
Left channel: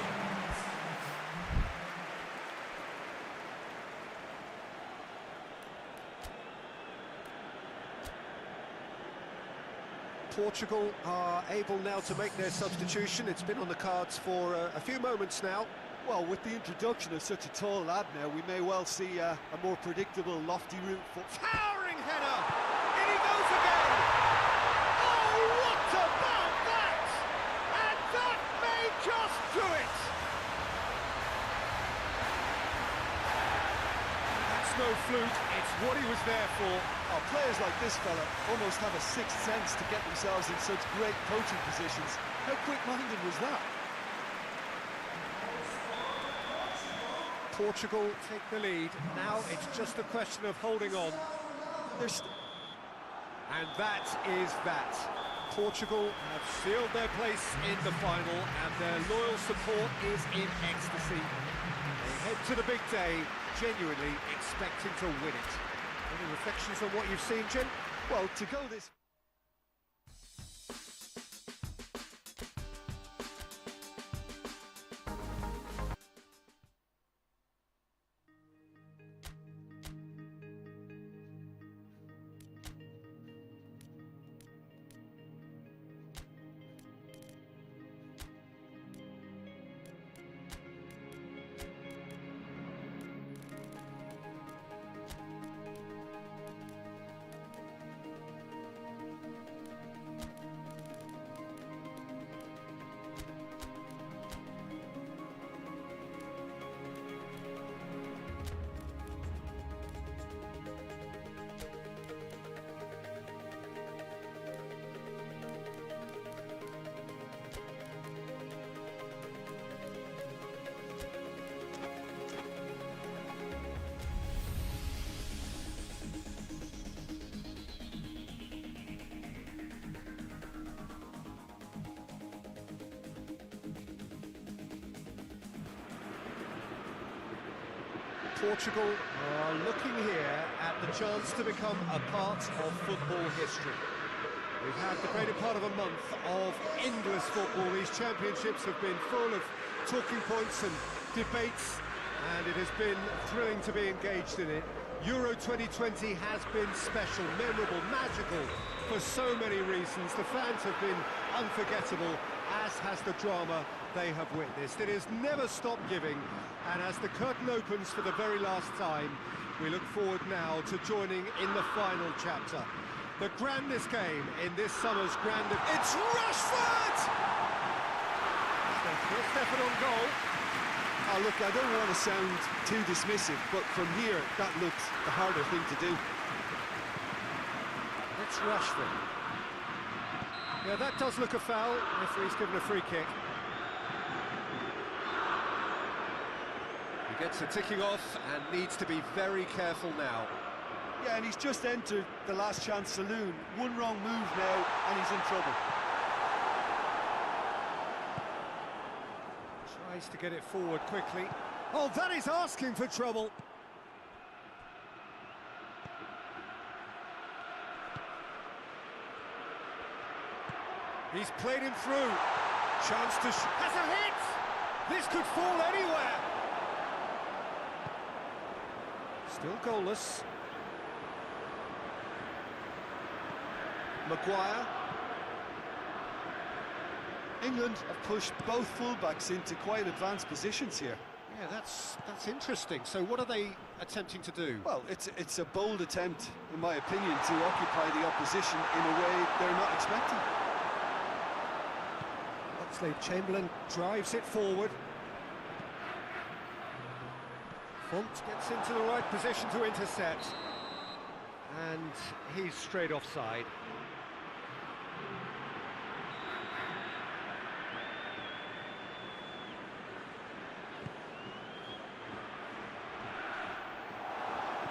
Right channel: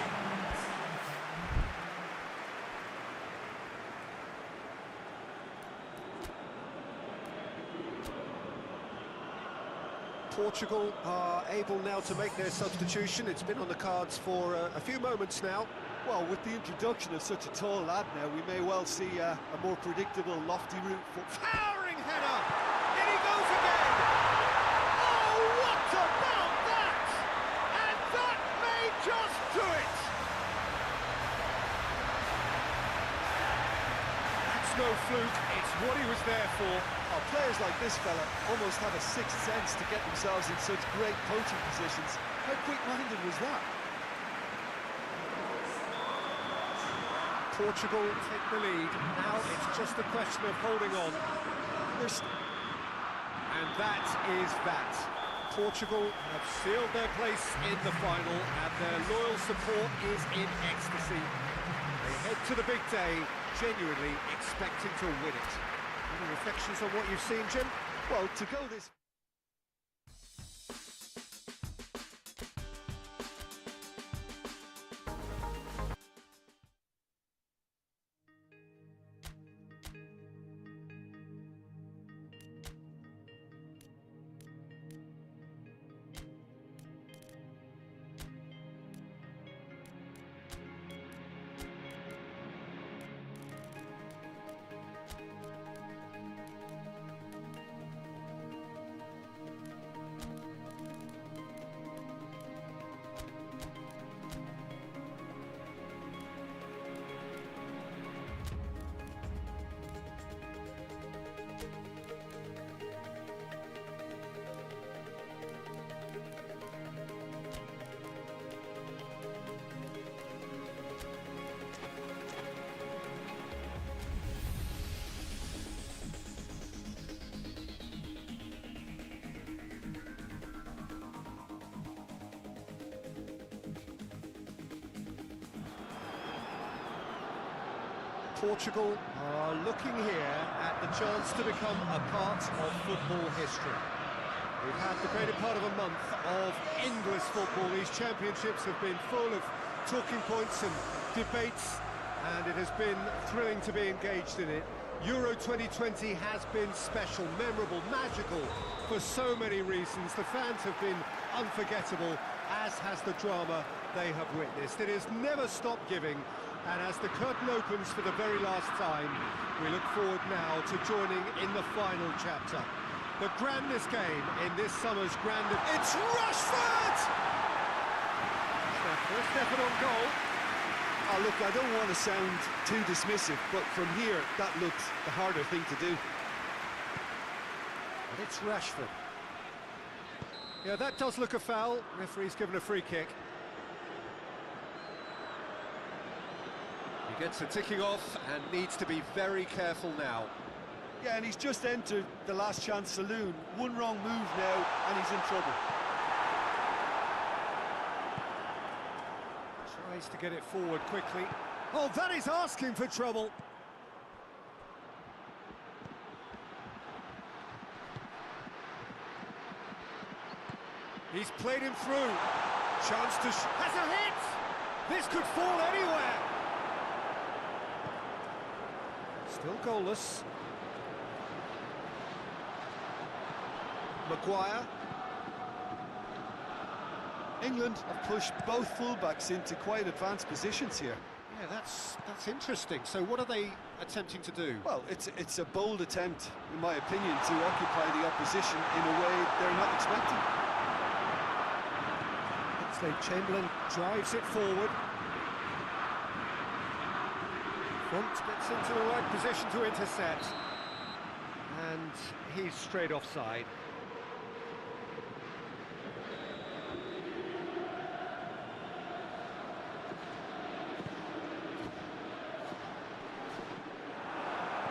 Portugal are able now to make their substitution. It's been on the cards for a few moments now. Well, with the introduction of such a tall lad now, we may well see a more predictable, lofty route for... Towering header! In he goes again! Oh, what about that? And that may just do it! That's no fluke, it's what he was there for. Oh, players like this fella almost have a sixth sense to get themselves in such great poaching positions. How quick-minded was that? Portugal take the lead. Now it's just a question of holding on. And that is that. Portugal have sealed their place in the final, and their loyal support is in ecstasy. They head to the big day, genuinely expecting to win it. Any reflections on what you've seen, Jim? Well, to go this... Portugal are looking here at the chance to become a part of football history. We've had the greater part of a month of endless football. These championships have been full of talking points and debates, And it has been thrilling to be engaged in it. Euro 2020 has been special, memorable, magical for so many reasons. The fans have been unforgettable, as has the drama they have witnessed. It has never stopped giving, and as the curtain opens for the very last time, we look forward now to joining in the final chapter. The grandest game in this summer's grand... It's Rashford! It's their first effort on goal. Oh, look, I don't want to sound too dismissive, but from here, that looks the harder thing to do. And it's Rashford. Yeah, that does look a foul. Referee's given a free kick. He gets a ticking off and needs to be very careful now. Yeah, and he's just entered the last chance saloon. One wrong move now, and he's in trouble. Tries to get it forward quickly. Oh, that is asking for trouble. He's played him through. Chance to... has a hit! This could fall anywhere. Still goalless. Maguire. England have pushed both fullbacks into quite advanced positions here. Yeah, that's interesting. So what are they attempting to do? Well, it's a bold attempt, in my opinion, to occupy the opposition in a way they're not expecting. Chamberlain drives it forward. Font gets into the right position to intercept. And he's straight offside.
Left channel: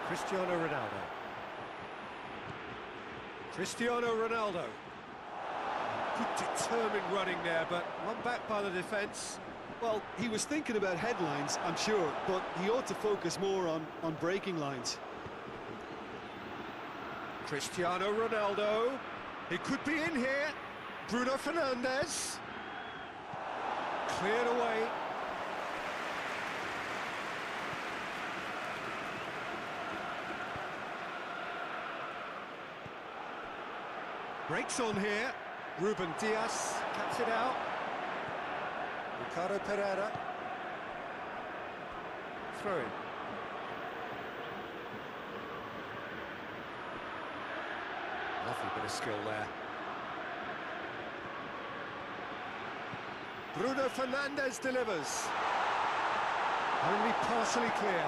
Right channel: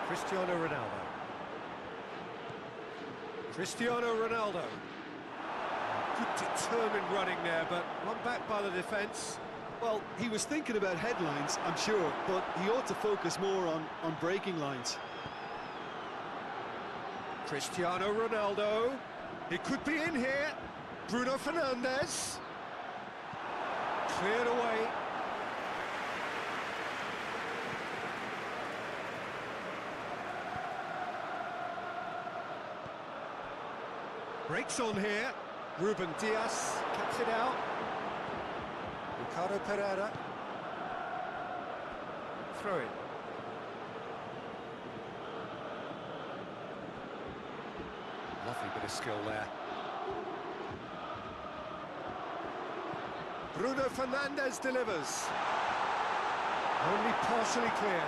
Cristiano Ronaldo. Cristiano Ronaldo. Good determined running there, but one back by the defence. Well, he was thinking about headlines, I'm sure, but he ought to focus more on breaking lines. Cristiano Ronaldo. He could be in here. Bruno Fernandes. Cleared away. Breaks on here. Ruben Dias cuts it out. Ricardo Pereira. Throw in. Lovely bit of skill there. Bruno Fernandes delivers. Only partially clear.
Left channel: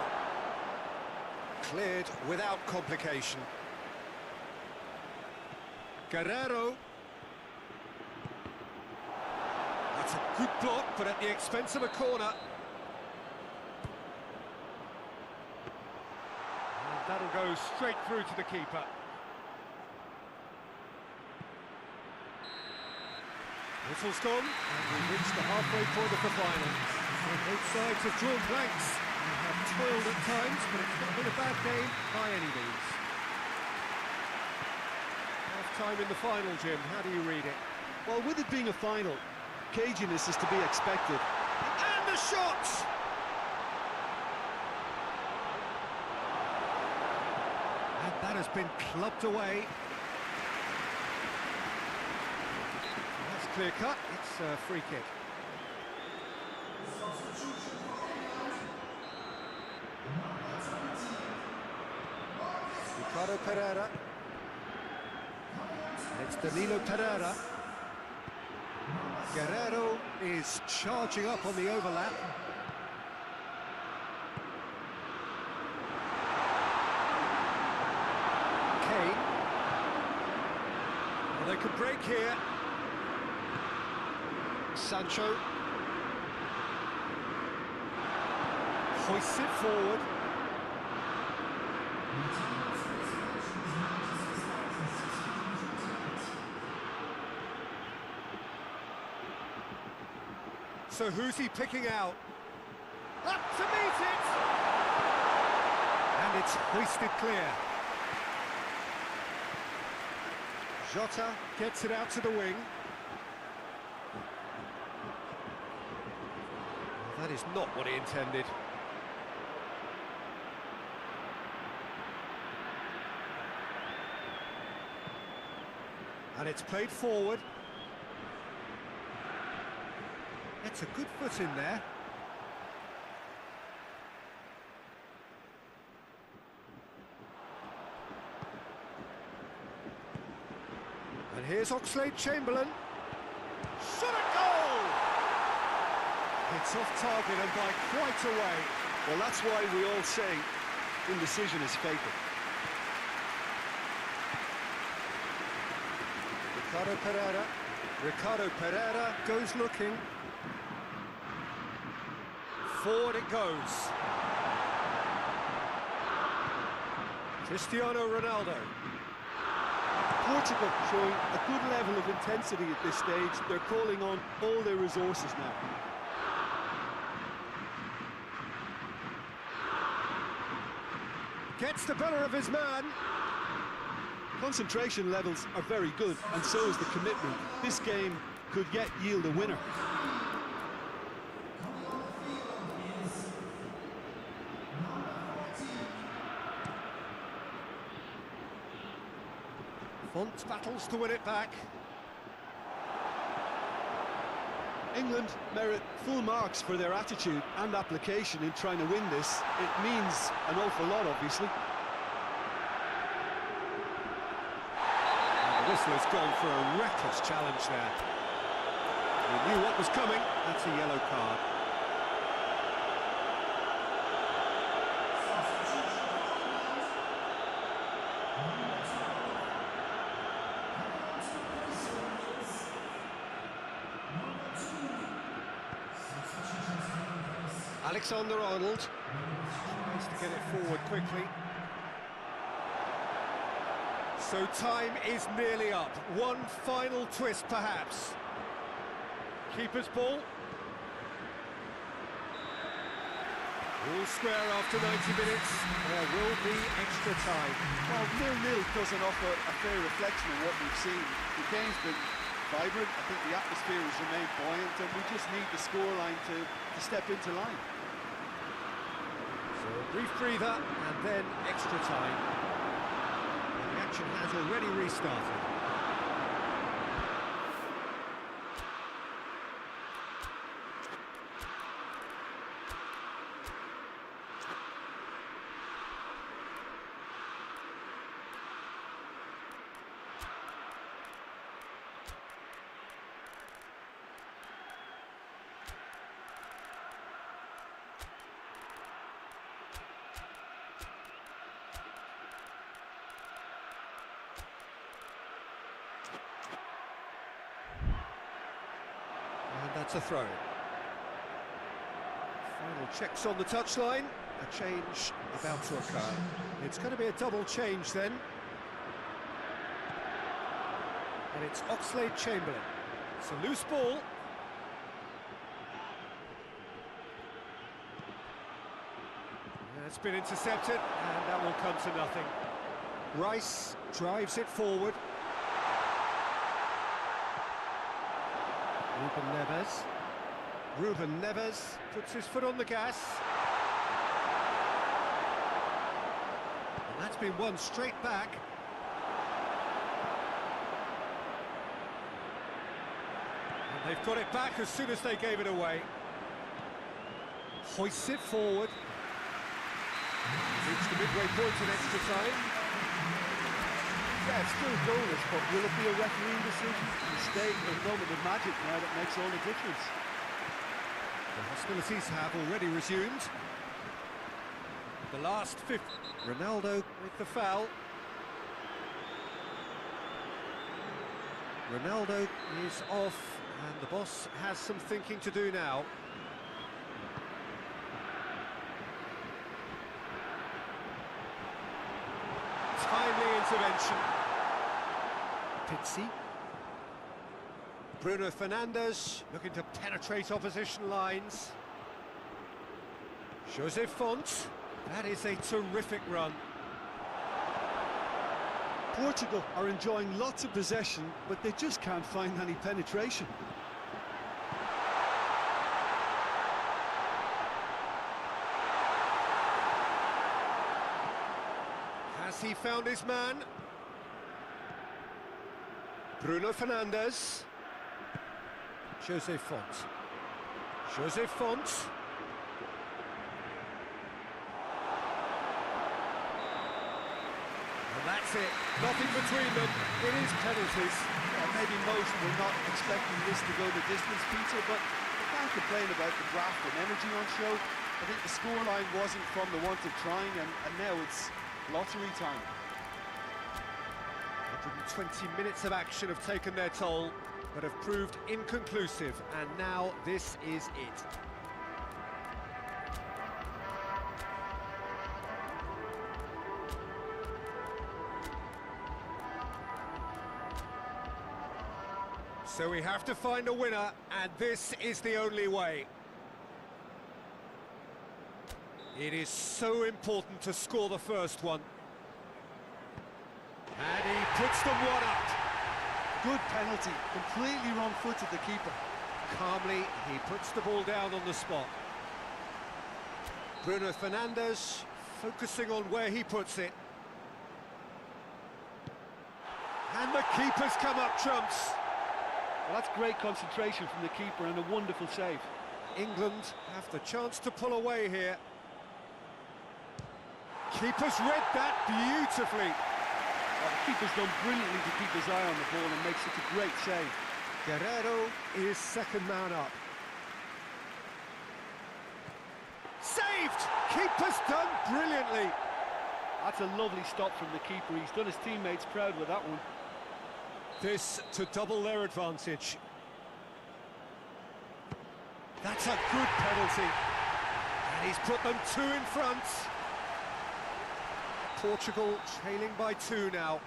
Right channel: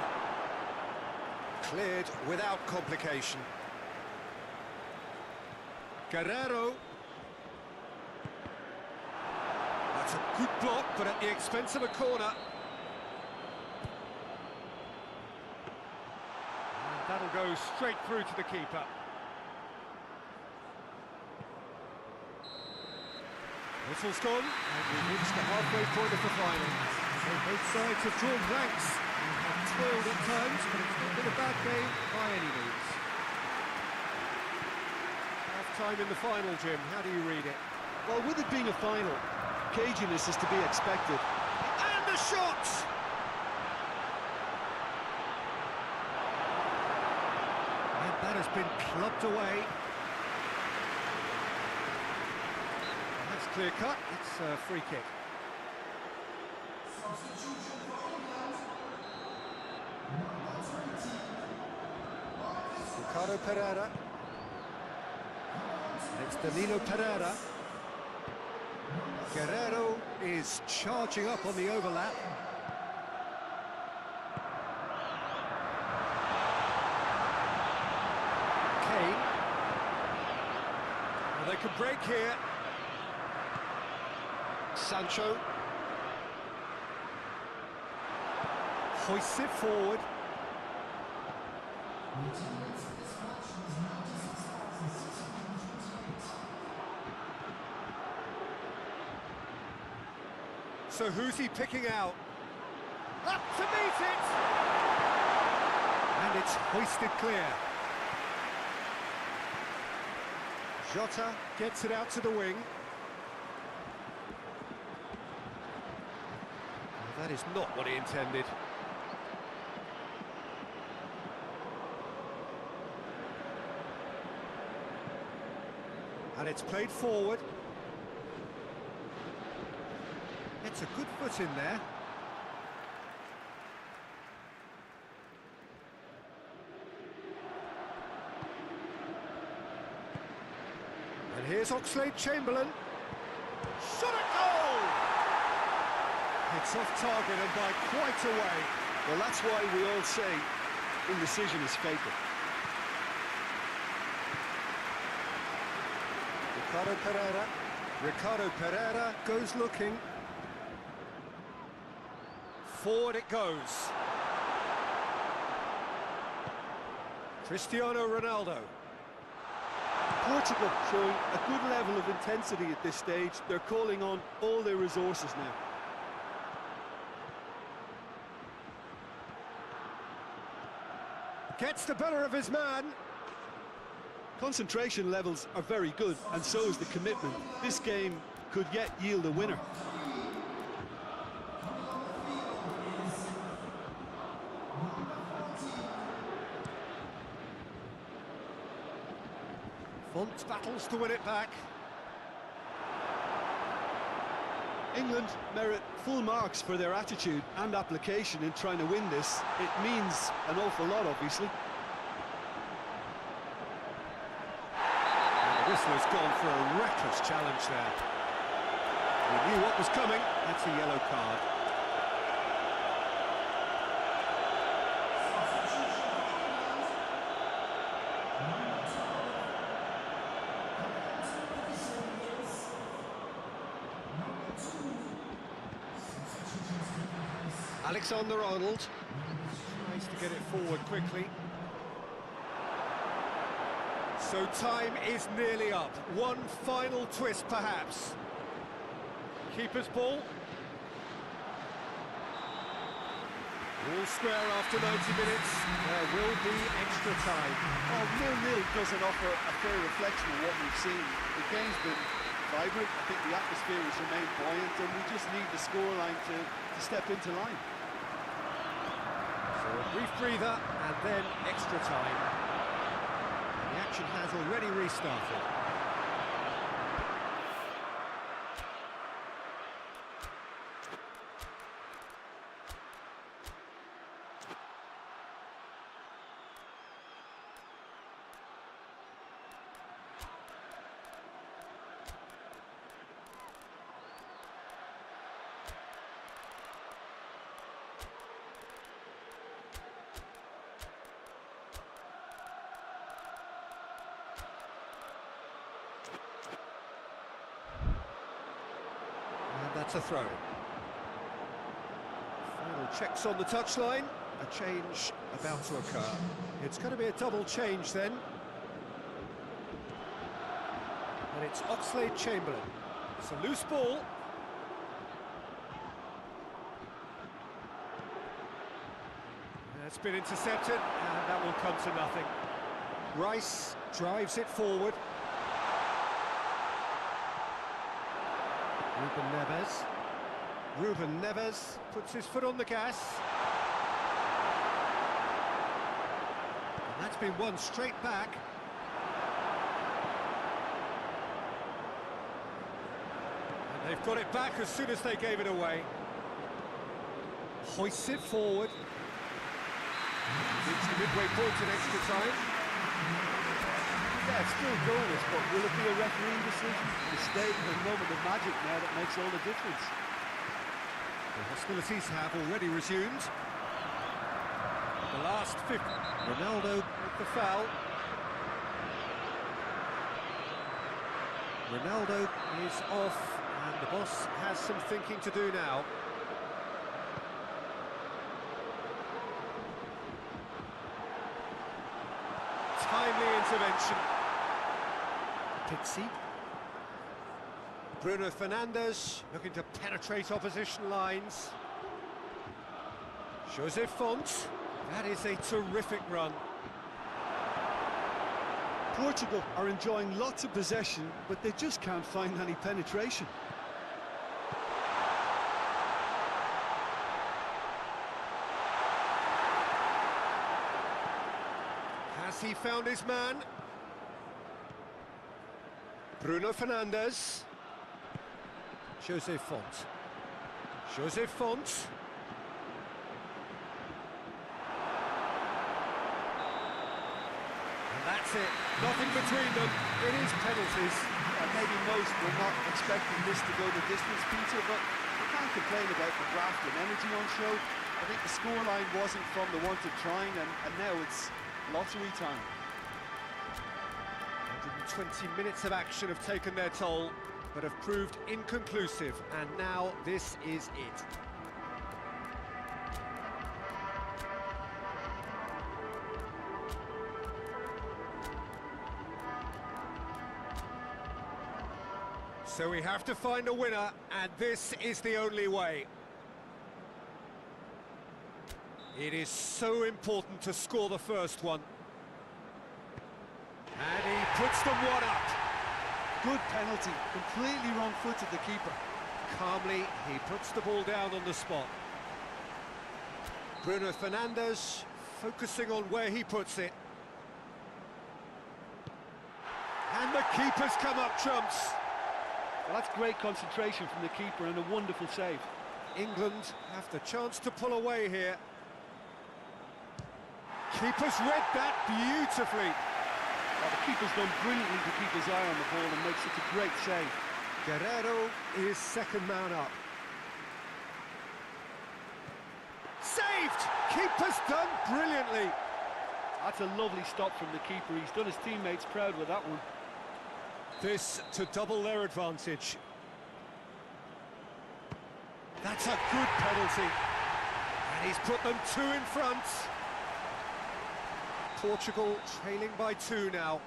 Cleared without complication. Guerrero. That's a good block, but at the expense of a corner. And that'll go straight through to the keeper. Whistle's gone, and we've reached the halfway point of the final. So both sides have drawn blanks and have toiled at times, but it's not been a bad game by any means. Half-time in the final, Jim. How do you read it? Well, with it being a final, caginess is to be expected. And the shot! And that has been clubbed away. That's clear cut. It's a free kick. Ricardo Pereira. And it's Danilo Pereira. Guerrero is charging up on the overlap. Kane. Well, they could break here. Sancho. Hoists it forward. So who's he picking out? Up to meet it! And it's hoisted clear. Jota gets it out to the wing. Well, that is not what he intended. And it's played forward. It's a good foot in there. And here's Oxlade-Chamberlain. Shot at goal! It's off target and by quite a way. Well, that's why we all say indecision is fatal. Ricardo Pereira goes looking. Forward it goes. Cristiano Ronaldo. Portugal showing a good level of intensity at this stage. They're calling on all their resources now. Gets the better of his man. Concentration levels are very good, and so is the commitment. This game could yet yield a winner. Font battles to win it back. England merit full marks for their attitude and application in trying to win this. It means an awful lot, obviously. And the whistle has gone for a reckless challenge there. He knew what was coming. That's a yellow card. Alexander-Arnold tries to get it forward quickly. So time is nearly up. One final twist, perhaps. Keeper's ball. All square after 90 minutes. There will be extra time. Well, 0-0 doesn't offer a fair reflection of what we've seen. The game's been vibrant. I think the atmosphere has remained buoyant, and we just need the scoreline to step into line. So a brief breather and then extra time. And the action has already restarted. And that's a throw-in. Final checks on the touchline. A change about to occur. It's going to be a double change then. And it's Oxlade-Chamberlain. It's a loose ball. It's been intercepted, and that will come to nothing. Rice drives it forward. Ruben Neves puts his foot on the gas. And that's been won straight back. And they've got it back as soon as they gave it away. Hoists it forward. We've reached the midway point in extra time. Yeah, it's still goalless, but will it be a refereeing decision, a mistake, or a moment of magic now that makes all the difference? The hostilities have already resumed. The last 50. Ronaldo with the foul. Ronaldo is off, and the boss has some thinking to do now. Timely intervention. Pizzi. Bruno Fernandes looking to penetrate opposition lines. Jose Font. That is a terrific run. Portugal are enjoying lots of possession, but they just can't find any penetration. Has he found his man? Bruno Fernandes. Jose Font. Jose Font. And that's it. Nothing between them. It is penalties. Yeah, maybe most were not expecting this to go the distance, Peter, but you can't complain about the graft and energy on show. I think the scoreline wasn't from the want of trying, and now it's lottery time. 120 minutes of action have taken their toll, but have proved inconclusive, and now this is it. So we have to find a winner, and this is the only way. It is so important to score the first one. And he puts them one up. Good penalty, completely wrong-footed the keeper. Calmly, he puts the ball down on the spot. Bruno Fernandes focusing on where he puts it. And the keeper's come up trumps. Well, that's great concentration from the keeper and a wonderful save. England have the chance to pull away here. Keeper's read that beautifully. Well, the keeper's done brilliantly to keep his eye on the ball and make such a great save. Guerrero is second man up. Saved! Keeper's done brilliantly. That's a lovely stop from the keeper. He's done his teammates proud with that one. This to double their advantage. That's a good penalty. And he's put them 2 in front. Portugal trailing by 2 now.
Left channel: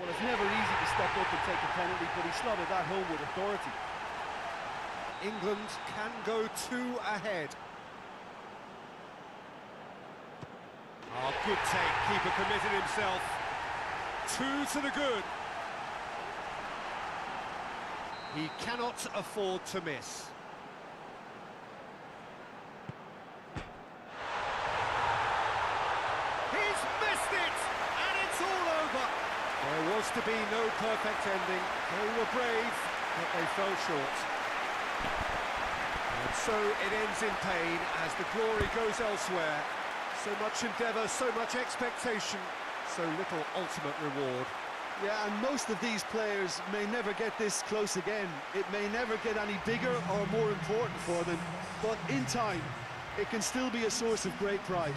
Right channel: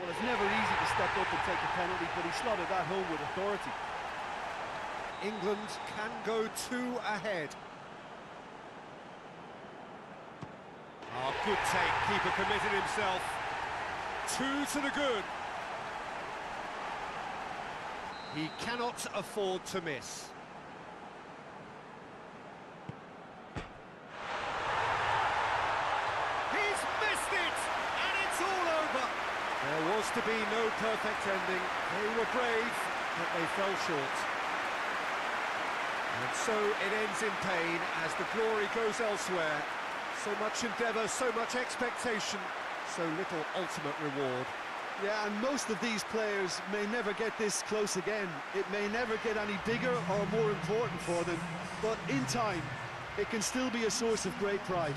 Well, it's never easy to step up and take a penalty, but he slotted that home with authority. England can go 2 ahead. Oh, good take. Keeper committed himself. 2 to the good. He cannot afford to miss. He's missed it, and it's all over. There was to be no perfect ending. They were brave, but they fell short. And so it ends in pain as the glory goes elsewhere. So much endeavour, so much expectation, so little ultimate reward. Yeah, and most of these players may never get this close again. It may never get any bigger or more important for them, but in time, it can still be a source of great pride.